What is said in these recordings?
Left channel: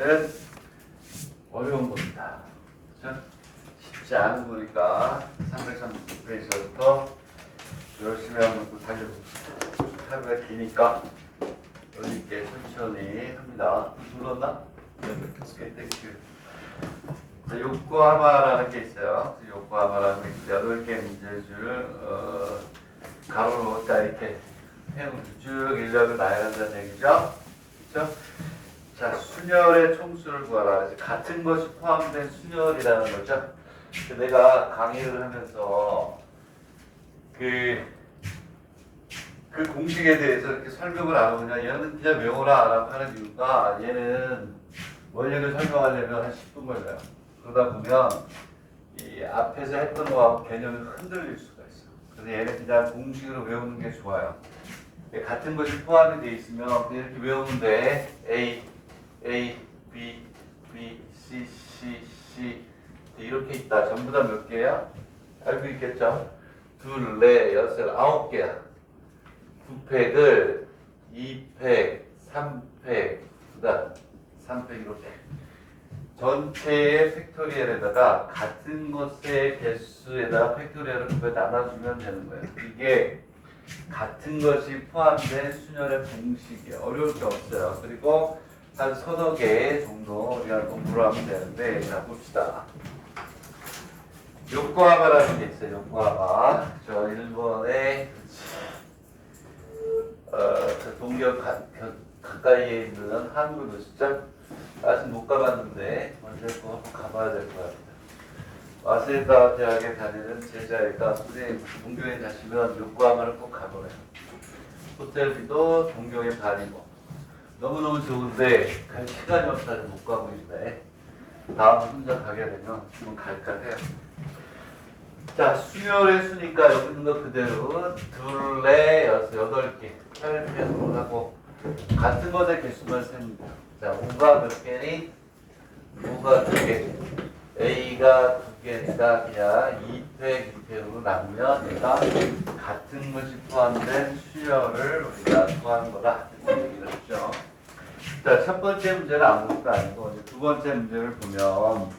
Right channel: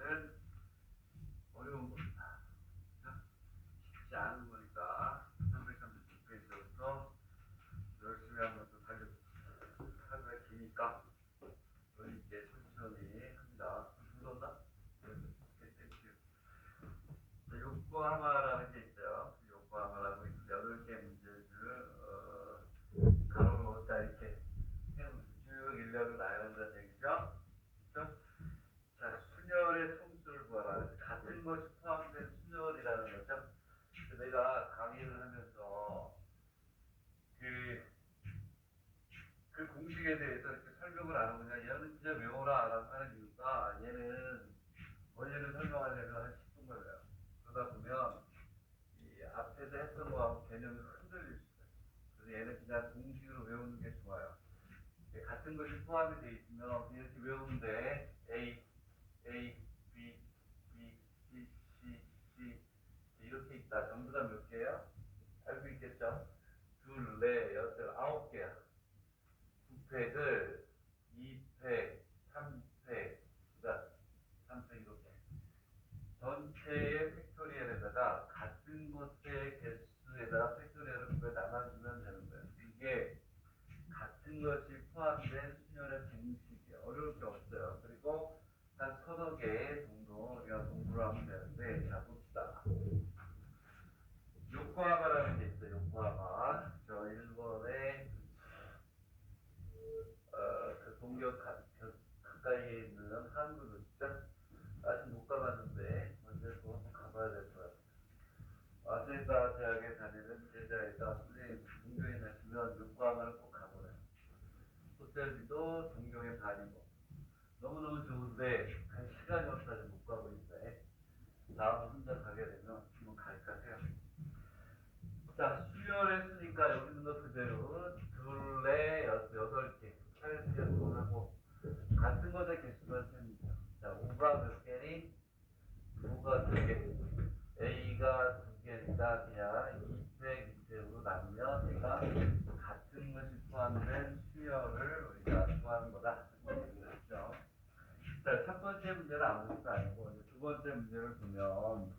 얘는 어려운 겁니다. 그렇죠? 쉽지 않은 거니까 336페이지부터 열심히 한번 또 달려봅시다. 하루가 기니까 여유 있게 천천히 합니다. 눌렀나? 네, 땡큐. 요코하마라는 게 있어요. 요코하마라는 게 있어요. 8개 문제줄 가로로 딱 이렇게 해놓고 쭉 인력을 나열한다는 얘기죠. 그렇죠? 자, 순열의 총수를 구하라. 같은 것이 포함된 순열이라는 거죠. 내가 강의를 하면서 그 공식에 대해서 이렇게 설명을 안 하고 얘는 그냥 외워라 라고 하는 이유가 얘는 원리를 설명하려면 한 10분 걸려요. 그러다 보면 이 앞에서 했던 거하고 개념이 흔들릴 수가 있어. 그래서 얘는 그냥 공식으로 외우는 게 좋아요. 같은 것이 포함이 돼 있으면 그냥 이렇게 외우면 돼. A, B, C, C 이렇게 있다. 전부 다 몇 개야? 알고 있겠죠? 둘, 넷, 여섯, 9개야. 9팩을 2팩, 3팩, 그다음 3팩 이렇게 전체의 팩토리얼에다가 같은 것의 개수에다가 팩토리얼을 나눠주면 되는 거예요. 이게 같은 것이 포함된 순열의 공식이에요. 어려울 게 없어요. 그리고 한 서너 개 정도 우리가 공부를 하면 되는데, 자 봅시다. 요코하마라는 게 있어요. 요코하마. 저 일본의 저 동경 가까이에 있는 한국 도시죠. 아직 못 가봤는데 언제 꼭 한번 가봐야 될 것 같아요. 와세다 대학에 다니는 제자애가 선생님 동경에 가시면 요코하마를 꼭 가보래요. 호텔비도 동경의 반이고 너무너무 좋은데 갈 시간이 없어서 못 가고 있네. 다음 혼자 가게 되면 한번 갈까 해요. 자, 수열의 수니까 여기 있는 거 그대로 둘, 넷, 여섯, 8개 8팩으로 하고 같은 것의 개수만 셉니다. 자, 5가 몇 개니? 5가 2개. A가 2개니까 그냥 2팩, 2팩으로 나누면 얘가 같은 것이 포함된 수열을 우리가 구하는 거다. 이렇게 얘기를 했죠. 자, 첫 번째 문제는 아무것도 아니고 이제 두 번째 문제를 보면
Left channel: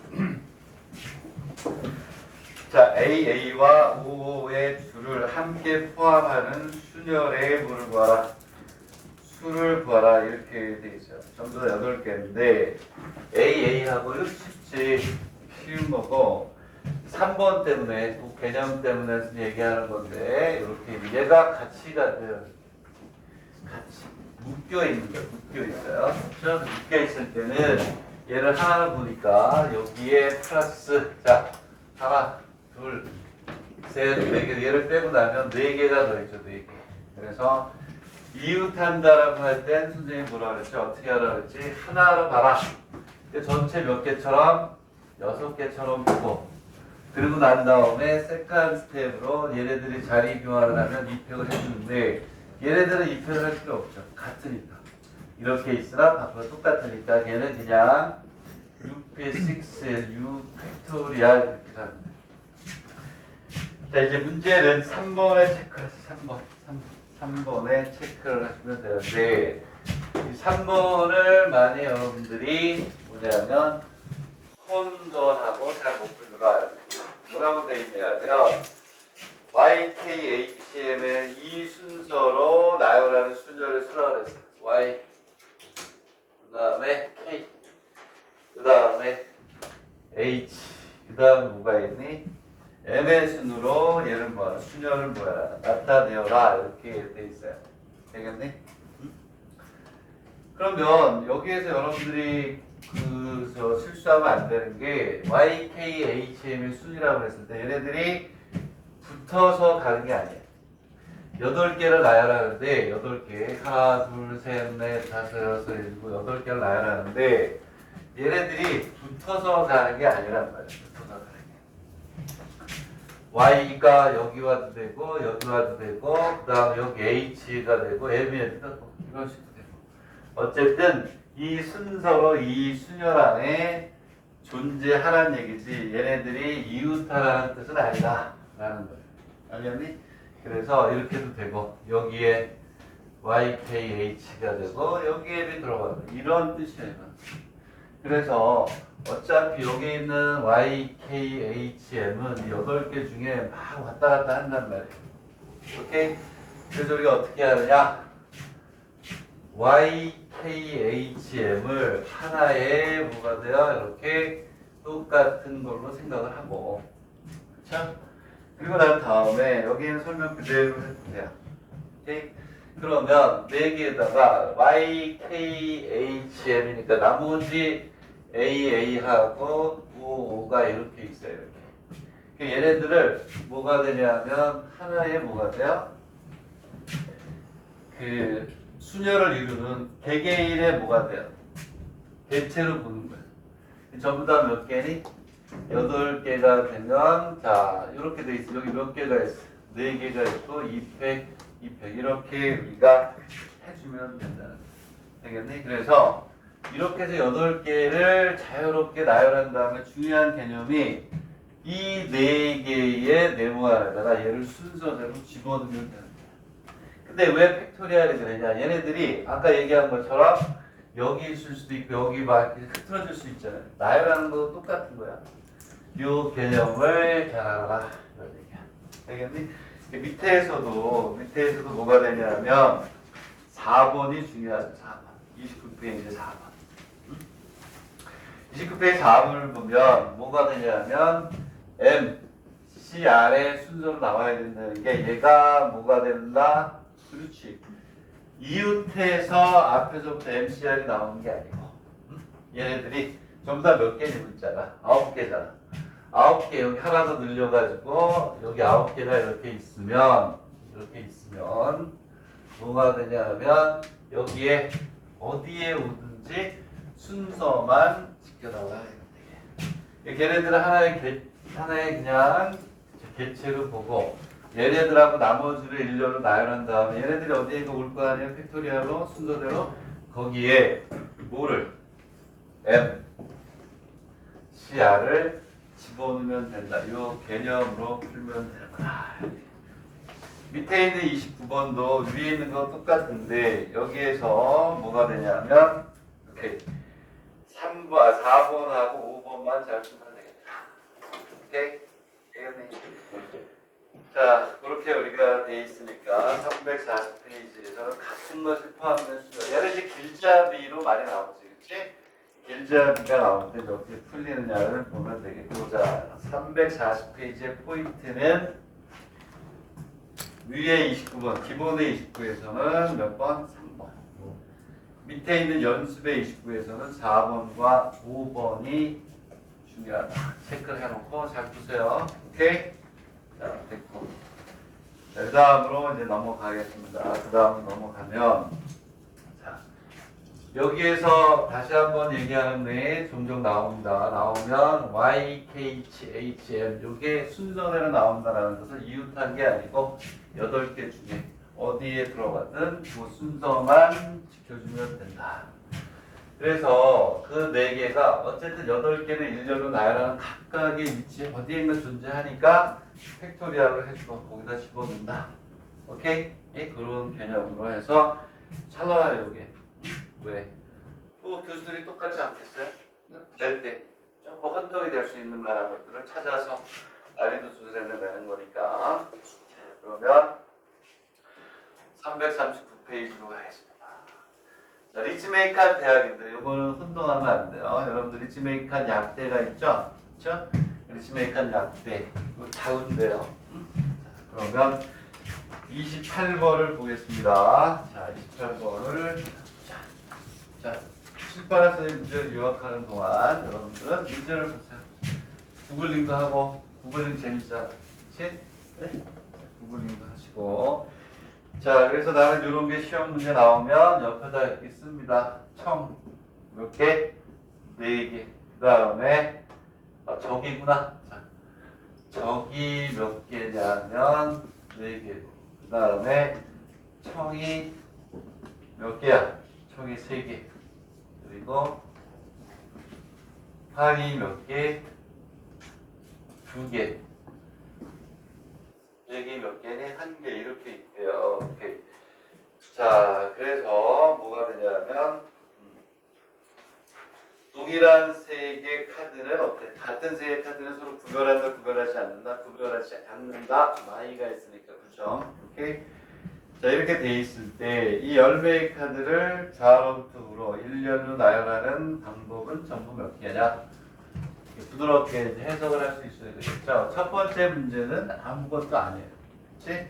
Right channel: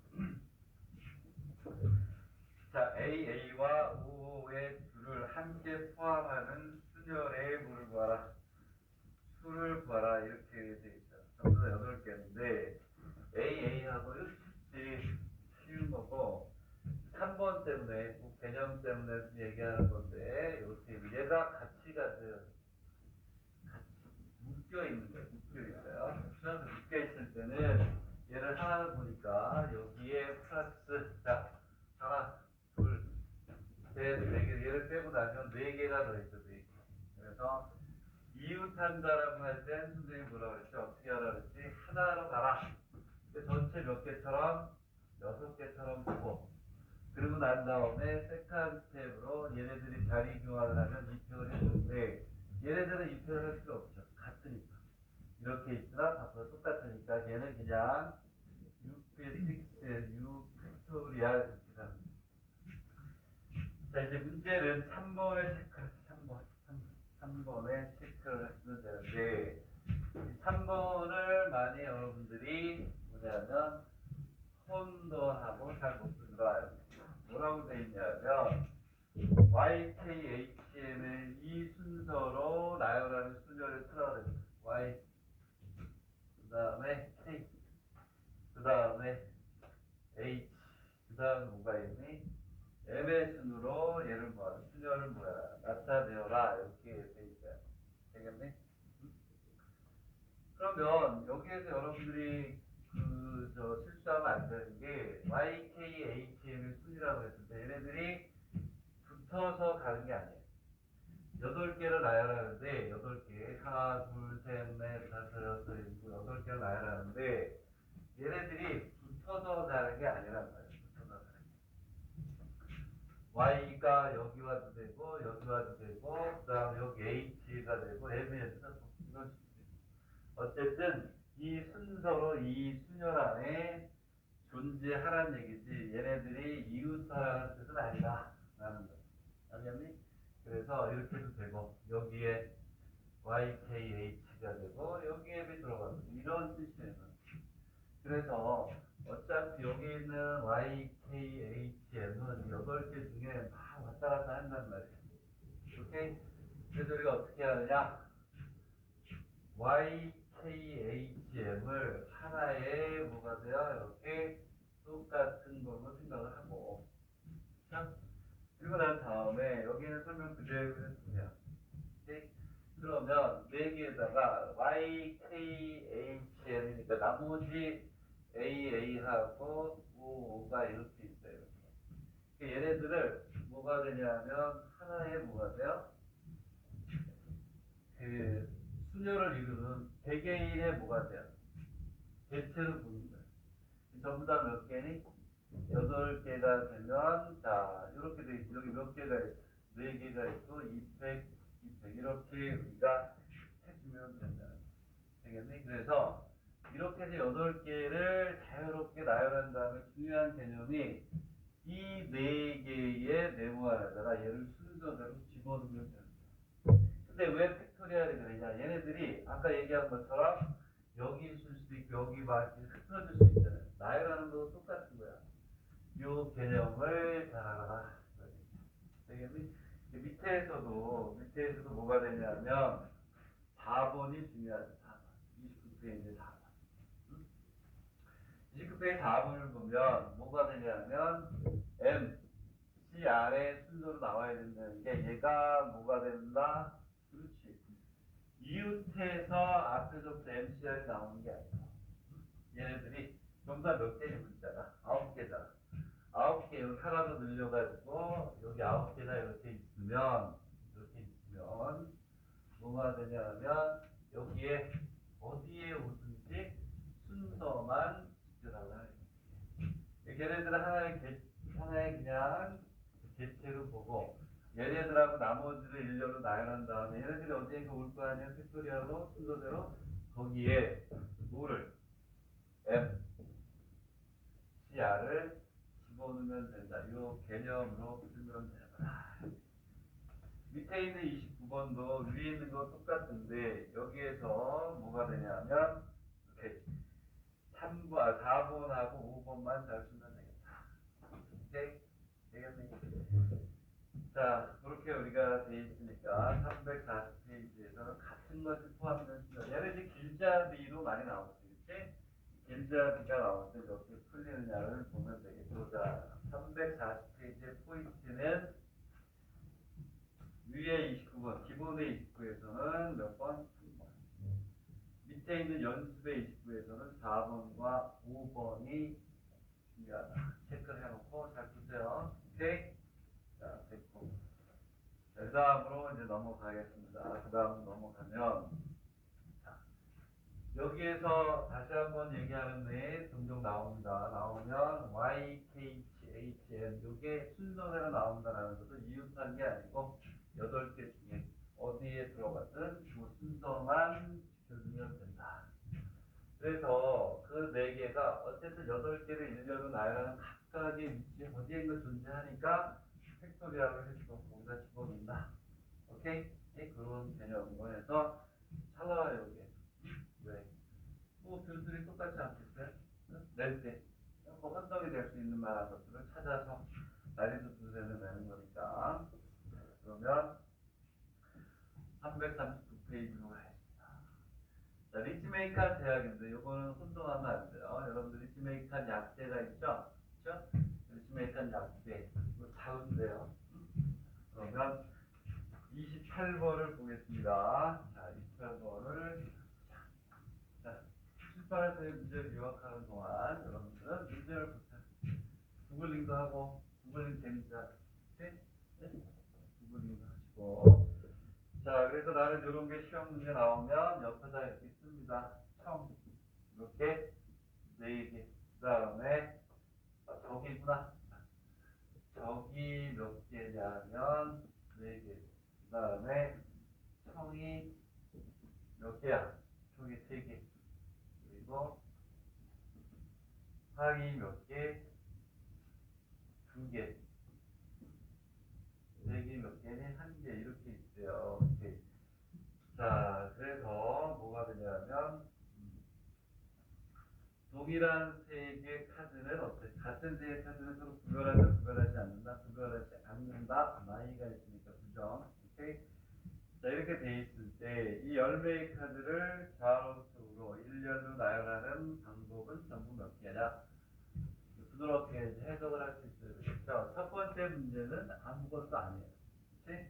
자, AA와 OO의 수를 함께 포함하는 순열의 뭐를 구하라? 수를 구하라 이렇게 돼 있어요. 전부 다 8개인데 AA하고 이렇게 쉽지 쉬운 거고 3번 때문에 그 개념 때문에 얘기하는 건데 이렇게 얘가 같이가 돼요. 같이 묶여 있는 거예요. 묶여 있어요. 그렇죠? 묶여 있을 때는 얘를 하나를 보니까 여기에 플러스 자 하나 둘, 셋, 네 개, 얘를 빼고 나면 4개가 더있죠, 4개. 그래서 이웃한다라고 할 땐 선생님이 뭐라 그랬죠? 어떻게 하라 그랬지? 하나로 봐라. 전체 몇 개처럼? 6개처럼 보고. 그리고 난 다음에 세컨 스텝으로 얘네들이 자리 교환을 하면 입력을 해주는데 얘네들은 입력을 할 필요 없죠. 같으니까. 이렇게 있으나 바꾸가 똑같으니까 걔는 그냥 6p6, 6 팩토리얼 이렇게 합니다. 자, 이제 문제는 3번에 체크하세요. 3번에 체크를 하시면 되는데, 이 3번을 만약 여러분들이 뭐냐면, 혼돈하고 잘 못 풀더라. 뭐라고 되어 있냐면, YKHM의 이 순서로 나열하는 순서를 쓰라고 했어요. Y, 그 다음에 K, 그 다음에 H, 그 다음에 뭐가 있니? M의 순으로 얘를 뭐하라? 순열을 뭐하라? 나타내어라. 이렇게 돼 있어요. 되겠니? 응? 그러면 여기에서 여러분들이 저 실수하면 안 되는 게 YKHM의 순이라고 했을 때 얘네들이 붙어서 가는 게 아니에요. 8개를 나열하는데 8개 하나 둘 셋 넷 다섯 여섯 일곱 8개를 나열하는데 얘네들이 붙어서 가는 게 아니란 말이에요. 붙어서 가는 게. Y가 여기 와도 되고 여기 와도 되고 그 다음 여기 H가 되고 M이 되고 이런 식으로 되고 어쨌든 이 순서로 이 순열 안에 존재하라는 얘기지 얘네들이 이웃하라는 뜻은 아니다 라는 거예요. 알겠니? 그래서 이렇게 해도 되고 여기에 YKH가 되고 여기에 B 들어가고 이런 뜻이에요. 그래서 어차피 여기 있는 YKHM은 8개 중에 막 왔다 갔다 한단 말이에요. 오케이? 그래서 우리가 어떻게 하느냐? YKHM을 하나의 뭐가 돼요? 이렇게 똑같은 걸로 생각을 하고, 그렇죠? 그리고 난 다음에 여기는 설명 그대로 해도 돼요. 오케이? 그러면 4개에다가 YKHM이니까 나머지 AA하고 OO가 이렇게 있어요. 이렇게. 얘네들을 뭐가 되냐면 하나의 뭐가 돼요? 그 순열을 이루는 개개인의 뭐가 돼요? 개체로 보는 거예요. 전부 다 몇 개니? 8개가 되면 자 이렇게 돼 있어. 여기 몇 개가 있어? 4개가 있고 200, 200 이렇게 우리가 해주면 된다는 거예요. 되겠니? 그래서 이렇게 해서 8개를 자유롭게 나열한 다음에 중요한 개념이 이 4개의 네모 안에다가 얘를 순서대로 집어넣으면 되는 거예요. 근데 왜 팩토리얼이 되느냐? 얘네들이 아까 얘기한 것처럼 여기 있을 수도 있고 여기 막 흐트러질 수 있잖아요. 나열하는 것도 똑같은 거야. 이 개념을 잘 알아라. 이런 얘기야. 되겠니? 밑에서도 뭐가 되냐면 4번이 중요하죠. 4번. 29페이지 4번. 29페이지 4번을 보면 뭐가 되냐면 M, C, R의 순서로 나와야 된다는 게 얘가 뭐가 된다? 그렇지. 이웃에서 앞에서부터 MCR이 나오는 게 아니고 얘네들이 전부 다 몇 개니 문자가? 9개잖아. 9개 여기 하나 더 늘려가지고 여기 9개가 이렇게 있으면 뭐가 되냐면 여기에 어디에 오든지 순서만 지켜달라. 걔네들은 하나의 그냥 개체로 보고 얘네들하고 나머지를 일렬로 나열한 다음에 얘네들이 어디에 올 거 아니에요? 팩토리얼로 순서대로 거기에 뭐를 M, CR을 집어넣으면 된다. 이 개념으로 풀면 되는구나. 밑에 있는 29번도 위에 있는 거 똑같은데 여기에서 뭐가 되냐면 이렇게 4번하고 5번만 잘 쓰면 되겠다. 오케이? 자, 그렇게 우리가 돼 있으니까 340페이지에서는 같은 것을 포함된 수가 얘는 이제 길잡이로 많이 나오지, 그치? 길잡이가 나올 때 어떻게 풀리느냐를 보면 되겠고, 자, 340페이지의 포인트는 위에 29번, 기본의 29에서는 몇 번? 3번. 밑에 있는 연습의 29에서는 4번과 5번이 중요하다. 체크를 해놓고 잘 보세요. 오케이? 자, 됐고. 자, 그 다음으로 이제 넘어가겠습니다. 그 다음 넘어가면, 자, 여기에서 다시 한번 얘기하는데 종종 나옵니다. 나오면 YKHM, 요게 순서대로 나온다는 것은 이웃한 게 아니고 8개 중에 어디에 들어가든 그 순서만 지켜주면 된다. 그래서 그 4개가 어쨌든 8개는 일렬로 나열하는 각각의 위치에 어디에인가 존재하니까 팩토리얼을 해주고 거기다 집어넣는다. 오케이? 예, 그런 개념으로 해서 찰나요, 이게. 왜? 또 교수들이 똑같지 않겠어요? 낼 때 조금 혼동이 될 수 있는 만한 것들을 찾아서 난이도 수준을 내는 거니까. 그러면 339페이지로 가겠습니다. 자, 리츠메이칸 대학인데 이거는 혼동하면 안 돼요. 여러분들 리츠메이칸 약대가 있죠? 그렇죠? 리츠메이칸 약대 이거 다운돼요. 그러면 28번을 보겠습니다. 자, 28번을 자, 출판에서의 문제를 요약하는 동안 여러분들은 문제를 보세요. 구글링도 하고 구글링 재밌잖아. 그치? 네? 구글링도 하시고 자, 그래서 나는 이런 게 시험 문제 나오면 옆에다 이렇게 씁니다. 청 몇 개? 4개. 그 다음에 적이구나. 자, 적이 몇 개냐면 4개. 그 다음에 청이 몇 개야? 청이 3개. 그리고 항이 몇 개? 2개. 여기 몇 개니? 1개 이렇게 있대요. 오케이. 자, 그래서 뭐가 되냐면 여기 동일한 색의 카드는 어때? 같은 색의 카드는 서로 구별한다, 구별하지 않는다, 구별하지 않는다. 마이가 있으니까 부정. 오케이? 자, 이렇게 돼 있을 때 이 열매의 카드를 좌로부터 우로 일렬로 나열하는 방법은 전부 몇 개냐? 부드럽게 이제 해석을 할 수 있어야 되겠죠. 첫 번째 문제는 아무것도 아니에요. 그렇지?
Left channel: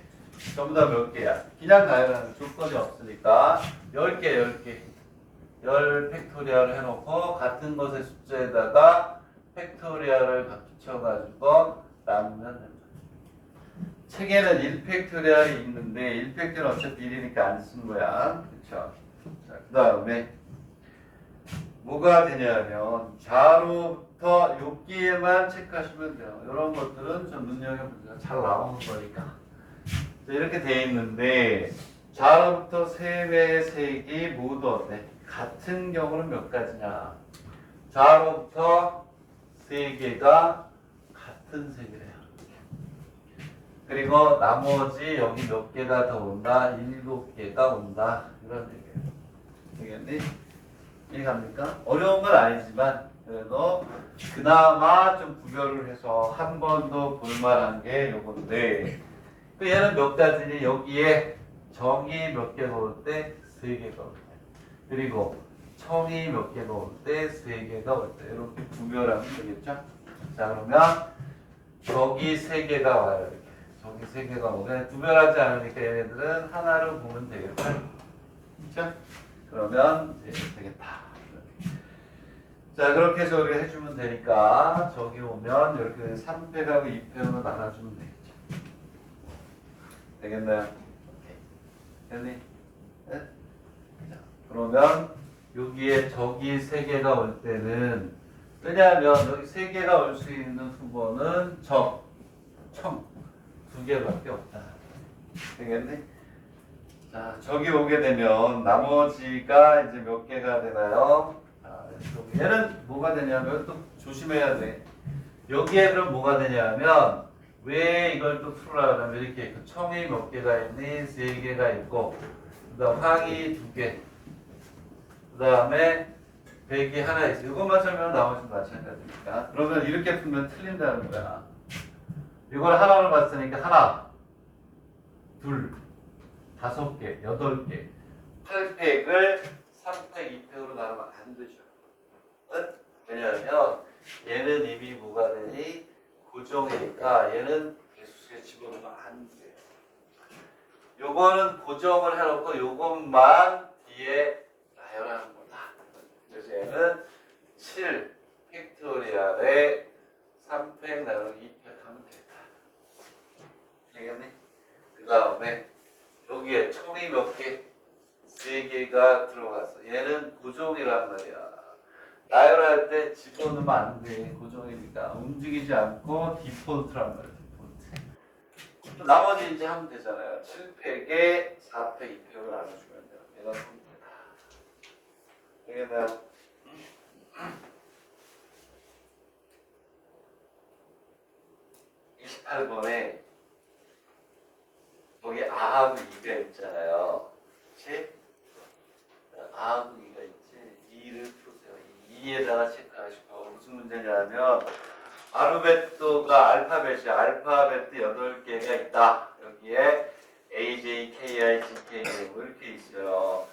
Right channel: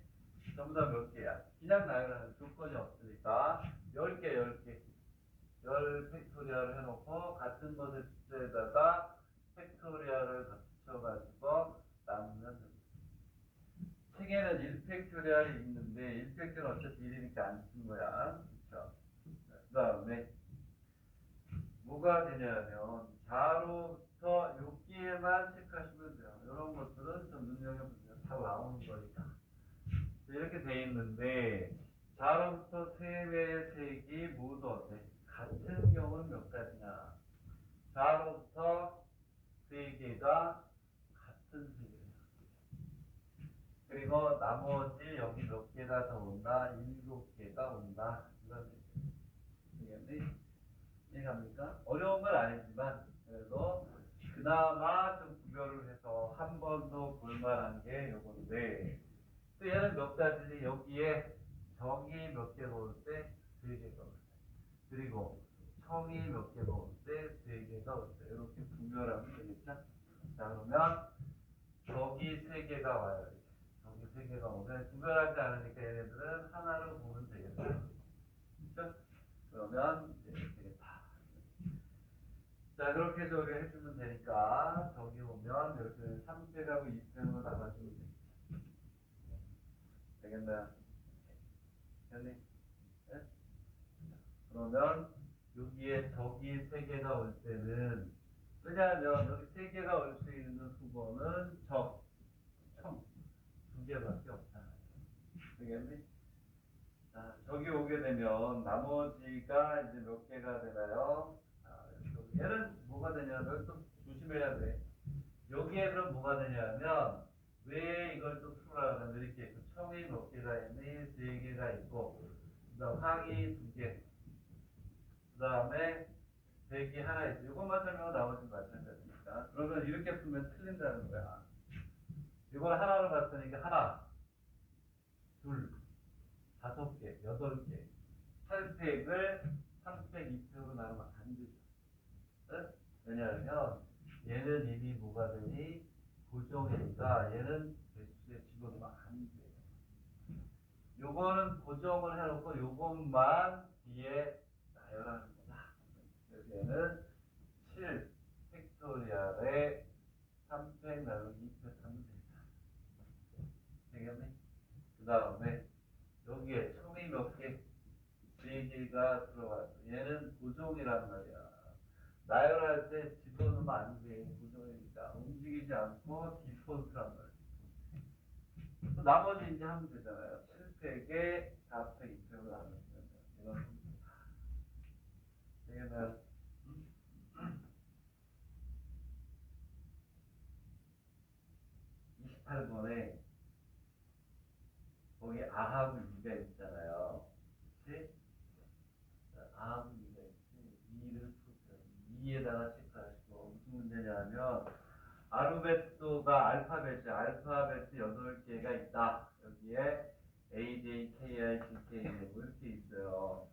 전부 다 몇 개야? 그냥 나열하는 조건이 없으니까 10개, 10개. 10 팩토리얼을 해놓고 같은 것의 숫자에다가 팩토리얼을 붙여가지고 나누면 됩니다. 책에는 1 팩토리얼이 있는데 1 팩토리얼 어차피 1이니까 안 쓴 거야. 그쵸? 자, 그 다음에 뭐가 되냐면 좌로부터 여기에만 체크하시면 돼요. 이런 것들은 좀 눈여겨보세요. 잘 나오는 거니까. 자, 이렇게 돼 있는데 좌로부터 세 개의 색이 모두 어때? 같은 경우는 몇 가지냐? 좌로부터 세 개가 같은 색이래요. 그리고 나머지 여기 몇 개가 더 온다? 7개가 온다. 이런 얘기예요. 되겠니? 이해갑니까? 어려운 건 아니지만 그래도 그나마 좀 구별을 해서 한 번 더 볼만한 게 요건데 얘는 몇 가지니? 여기에 정이 몇 개가 올 때? 3개가 올 때. 그리고 청이 몇 개가 올 때? 3개가 올 때. 이렇게 구별하면 되겠죠? 자, 그러면 저기 3개가 와요. 이렇게. 저기 3개가 오면 구별하지 않으니까 얘네들은 하나로 보면 되겠죠? 그렇죠? 그러면 되겠다. 자, 그렇게 해서 우리가 해주면 되니까 저기 오면 이렇게 3팩하고 2팩으로 나눠주면 되겠죠. 되겠나요? 됐니? 네? 자, 그러면 여기에 저기 3개가 올 때는 왜냐하면 여기 3개가 올 수 있는 후보는 청 2개밖에 없다. 되겠니? 자, 저기 오게 되면 나머지가 이제 몇 개가 되나요? 얘는 뭐가 되냐면 또 조심해야 돼. 여기에 그럼 뭐가 되냐면 왜 이걸 또 풀으라 그러면 이렇게 그 청이 몇 개가 있니? 3개가 있고 그다음 황이 2개 그다음에 백이 하나 있어. 이것만 설명은 나머지는 마찬가지니까. 그러면 이렇게 풀면 틀린다는 거야. 이걸 하나로 봤으니까 하나, 둘, 5개, 8개, 8팩을 3팩, 2팩으로 나누면 안 되죠. 응? 왜냐하면 얘는 이미 뭐가 되니? 고정이니까 얘는 개수에 집어넣으면 안 돼요. 요거는 고정을 해놓고 요것만 뒤에 나열하는 거다. 그래서 얘는 7 팩토리얼에 3팩 나누기 2팩 하면 되겠다. 되겠니? 그 다음에 여기에 총이 몇 개? 3개가 들어갔어. 얘는 고정이란 말이야. 나열할 때 집어넣으면 안 돼. 고정이니까. 움직이지 않고 디폴트란 말이야. 디폴트. 나머지 이제 하면 되잖아요. 7팩에 4팩, 2팩을 나눠주면 돼요. 얘가 됩니다. 되겠나요? 28번에 여기 아하고 이가 있잖아요. 그치? 아하고 이가 있지. 2를 푸세요. 2에다가 체크하시고 무슨 문제냐면 알파벳도가 알파벳이 알파벳 8개가 있다. 여기에 A, J, K, I, G, K 이렇게 있어요.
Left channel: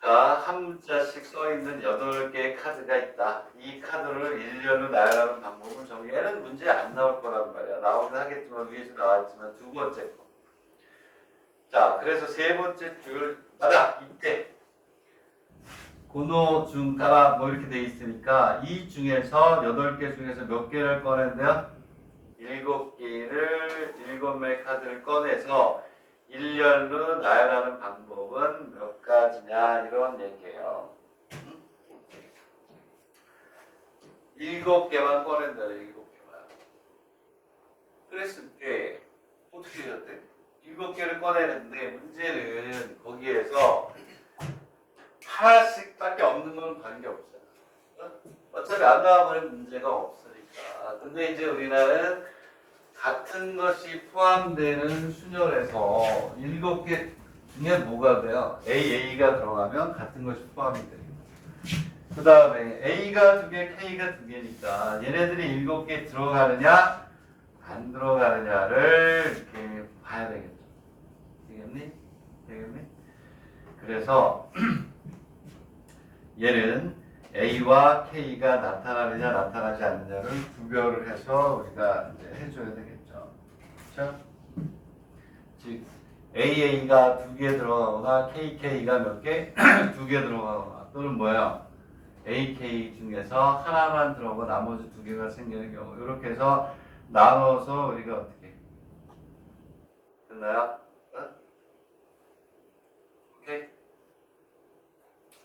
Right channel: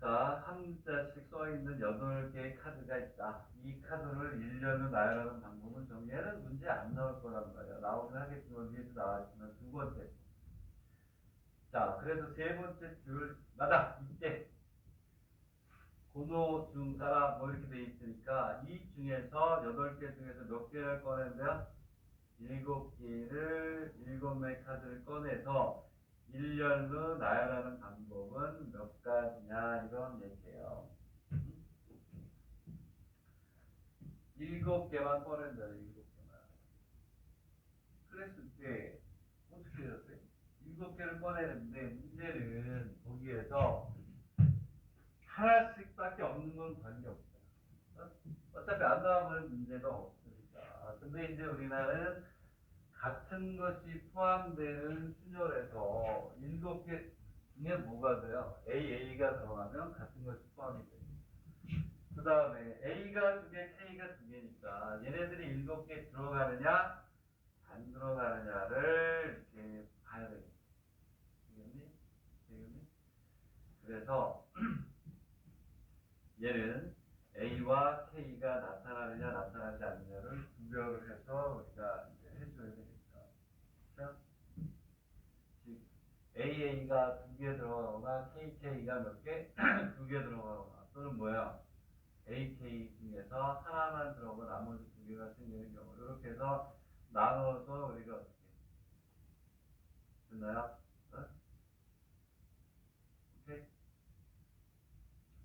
자, 한 문자씩 써있는 8개의 카드가 있다. 이 카드를 일렬로 나열하는 방법은 얘는 문제 안 나올 거란 말이야. 나오긴 하겠지만 위에서 나왔지만 두 번째 거. 자, 그래서 세 번째 줄 나라 이때 고노 중 가라 뭐 이렇게 돼 있으니까 이 중에서 8개 중에서 몇 개를 꺼낸대요? 7개를 7枚 카드를 꺼내서 일렬로 나열하는 방법은 몇 가지냐 이런 얘기예요. 7개만 꺼낸다. 7개만. 그랬을 때 어떻게 해야 돼? 7개를 꺼내는데 문제는 거기에서 하나씩밖에 없는 건 관계없잖아. 어차피 안 나와버린 문제가 없으니까. 근데 이제 우리나라는 같은 것이 포함되는 순열에서 7개 중에 뭐가 돼요? AA가 들어가면 같은 것이 포함이 됩니다. 그 다음에 A가 2개, K가 2개니까 얘네들이 7개 들어가느냐 안 들어가느냐를 이렇게 봐야 되겠죠. 되겠니? 되겠니? 그래서 얘는 A와 K가 나타나느냐 나타나지 않느냐를 구별을 해서 우리가 이제 해줘야 되겠죠. 그렇죠? 즉 AA가 2개 들어가거나 KK가 몇 개? 2개 들어가거나 또는 뭐야? AK 중에서 하나만 들어가고 나머지 2개가 생기는 경우 이렇게 해서 나눠서 우리가 어떻게 됐나요? 어? 오케이?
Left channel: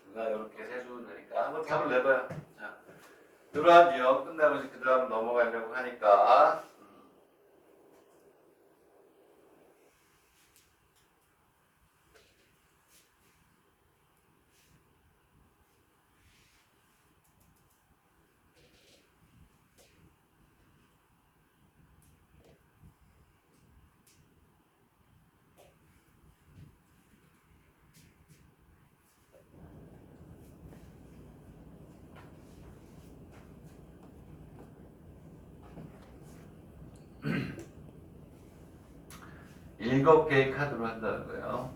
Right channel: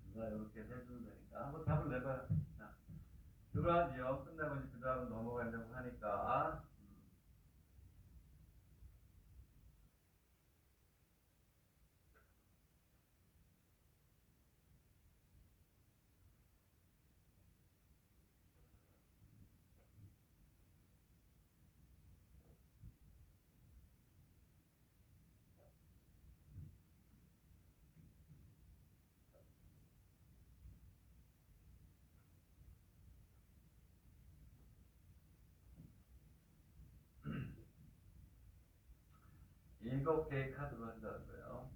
우리가 이렇게 해주면 되니까 한번 답을 내봐요. 자, 이러한 유형 끝나고 그 다음 넘어가려고 하니까 7개의 카드로 한다는 거예요.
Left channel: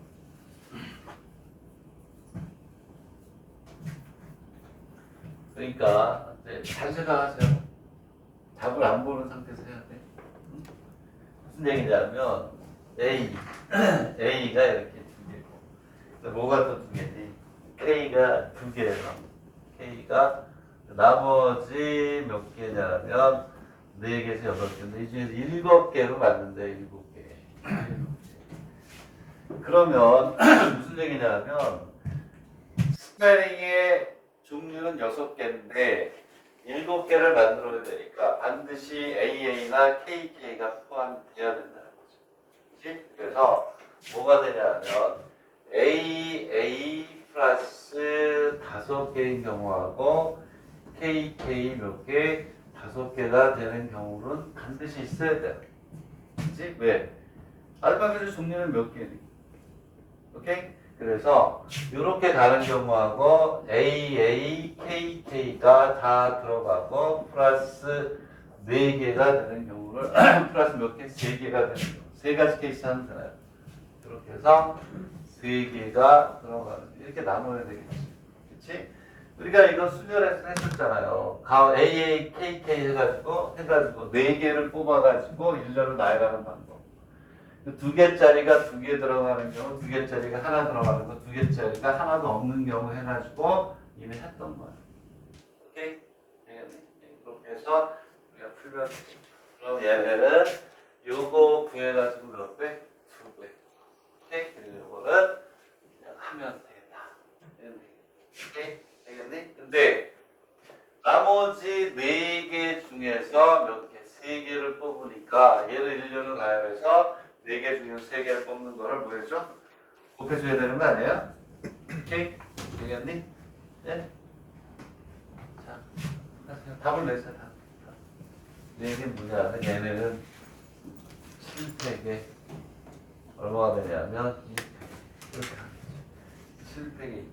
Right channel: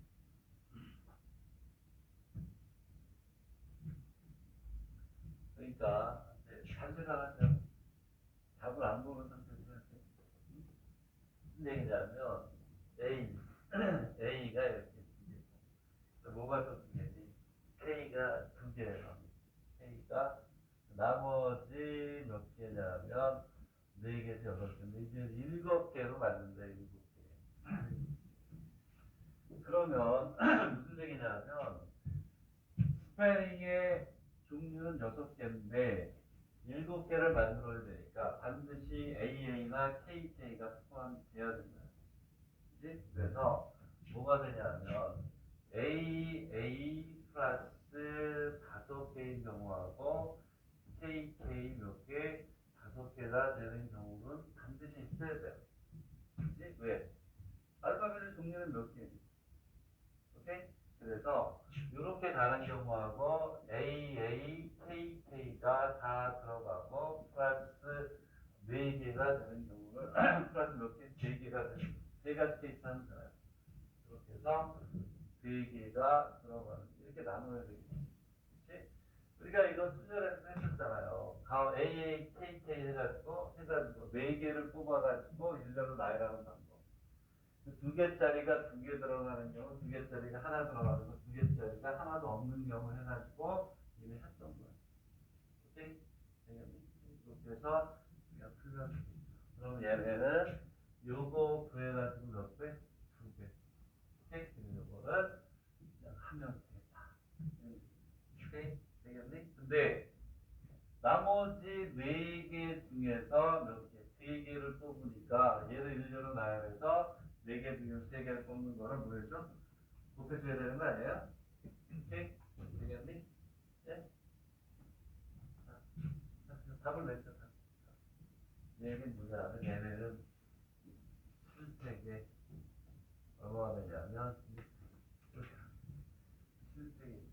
그러니까 잘 생각하세요. 답을 안 보는 상태에서 해야 돼. 무슨 얘기냐면 A가 이렇게 2개고 뭐가 또 2개지? K가 2개예요. K가 나머지 몇 개냐면 4개에서 8개인데 이 중에서 7개로 맞는데 7개. 그러면 무슨 얘기냐면 스페링의 종류는 6개인데 7개를 만들어야 되니까 반드시 AA나 KK가 포함되어야 된다는 거죠. 그치? 그래서 뭐가 되냐면 AA 플러스 5개인 경우하고 KK 몇 개? 5개가 되는 경우는 반드시 있어야 돼요. 그치? 왜? 알파벳의 종류는 몇 개니? 오케이? 그래서 이렇게 가는 경우하고 AA, KK가 다 들어가고 플러스 4개가 되는 경우를 플러스 몇 개? 3개가 되는 경우 3가지 케이스 하면 되나요? 그렇게 해서 3개가 들어가는 이렇게 나눠야 되겠지. 그치? 우리가 이거 수열에서 했었잖아요. AA, KK 해가지고 4개를 뽑아가지고 일렬로 나열하는 방법. 2개짜리가 2개 들어가는 경우, 2개짜리가 하나 들어가는 거, 2개짜리가 하나도 없는 경우 해가지고 이미 했던 거야. 오케이? 되겠니? 그렇게 해서 우리가 풀면 돼. 그럼 얘네는 요거 구해가지고 몇 배? 2배. 오케이? 그리고 요거는 그냥 하면 되겠다. 오케이? 되겠니? 근데 나머지 4개 중에서 몇 개? 3개를 뽑으니까 얘를 일렬로 나열해서 4개 중에서 3개를 뽑는 거를 뭐 해줘? 곱해줘야 되는 거 아니에요? 오케이? 되겠니? 네? 자, 답을 내세요. 답. 4개 뭐냐? 얘네는 7팩에 얼마가 되냐면 2팩. 이렇게 하겠지. 7팩이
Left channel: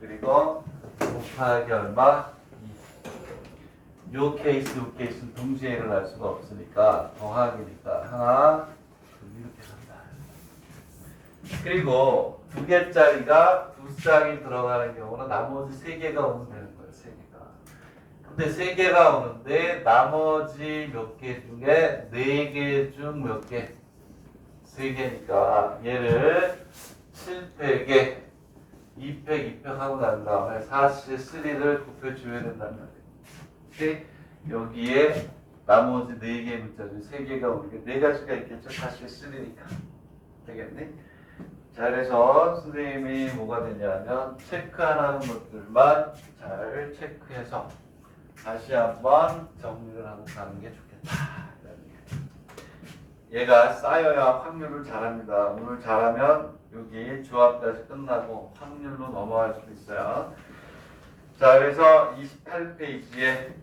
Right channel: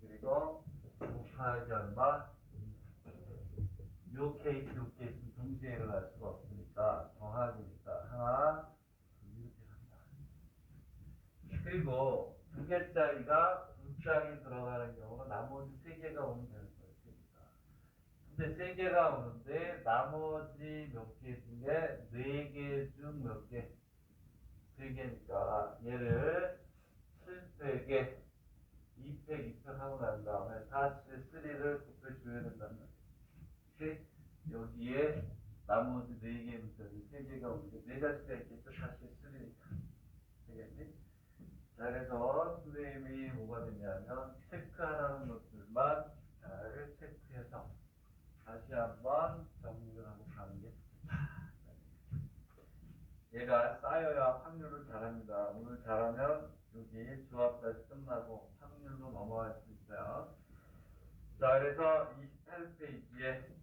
그리고 곱하기 얼마? 2. 요 케이스는 동시에 일어날 수가 없으니까 더하기니까 하나 이렇게 간다. 그리고 2개짜리가 2쌍이 들어가는 경우는 나머지 3개가 오면 되는 거예요. 3개가. 근데 3개가 오는데 나머지 몇 개 중에 4개 중 몇 개? 3개니까 얘를 7팩에 2팩 하고 난 다음에 사실 3를 곱해줘야 된다는 말이에요. 여기에 나머지 4개의 문자 중 3개가 오는 게 4가지가 있겠죠. 사실 3니까. 되겠니? 자, 그래서 선생님이 뭐가 되냐면 체크하는 것들만 잘 체크해서 다시 한번 정리를 하고 가는 게 좋겠다. 얘가 쌓여야 확률을 잘합니다. 오늘 잘하면 여기 조합까지 끝나고 확률로 넘어갈 수도 있어요. 자, 그래서 28페이지에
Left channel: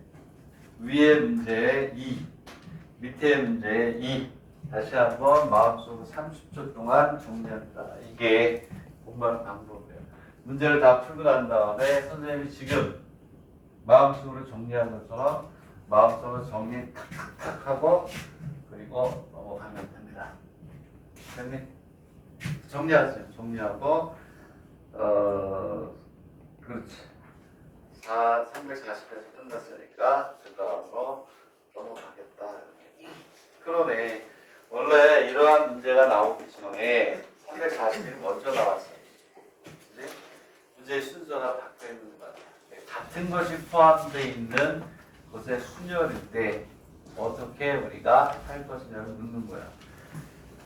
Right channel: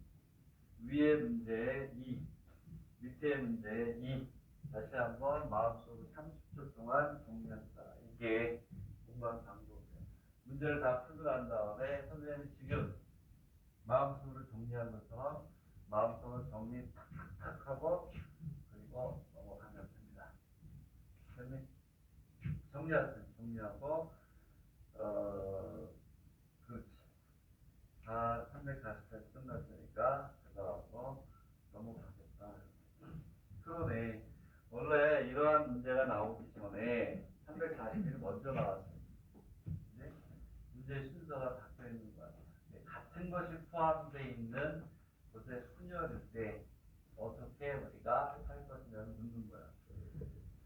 위에 문제 2, 밑에 문제 2 다시 한번 마음속으로 30초 동안 정리합니다. 이게 공부하는 방법이에요. 문제를 다 풀고 난 다음에 선생님이 지금 마음속으로 정리한 것처럼 마음속으로 정리 탁탁탁 하고 그리고 넘어가면 됩니다. 됐니? 정리하세요. 정리하고 그렇지. 340에서 끝났으니까 그 다음으로 넘어가겠다. 그러네. 원래 이러한 문제가 나오기 전에 340이 먼저 나왔어요. 그치? 문제의 순서가 바뀌어 있는 거야. 같은 것이 포함되어 있는 것의 순열일 때 어떻게 우리가 할 것이냐를 묻는 거야.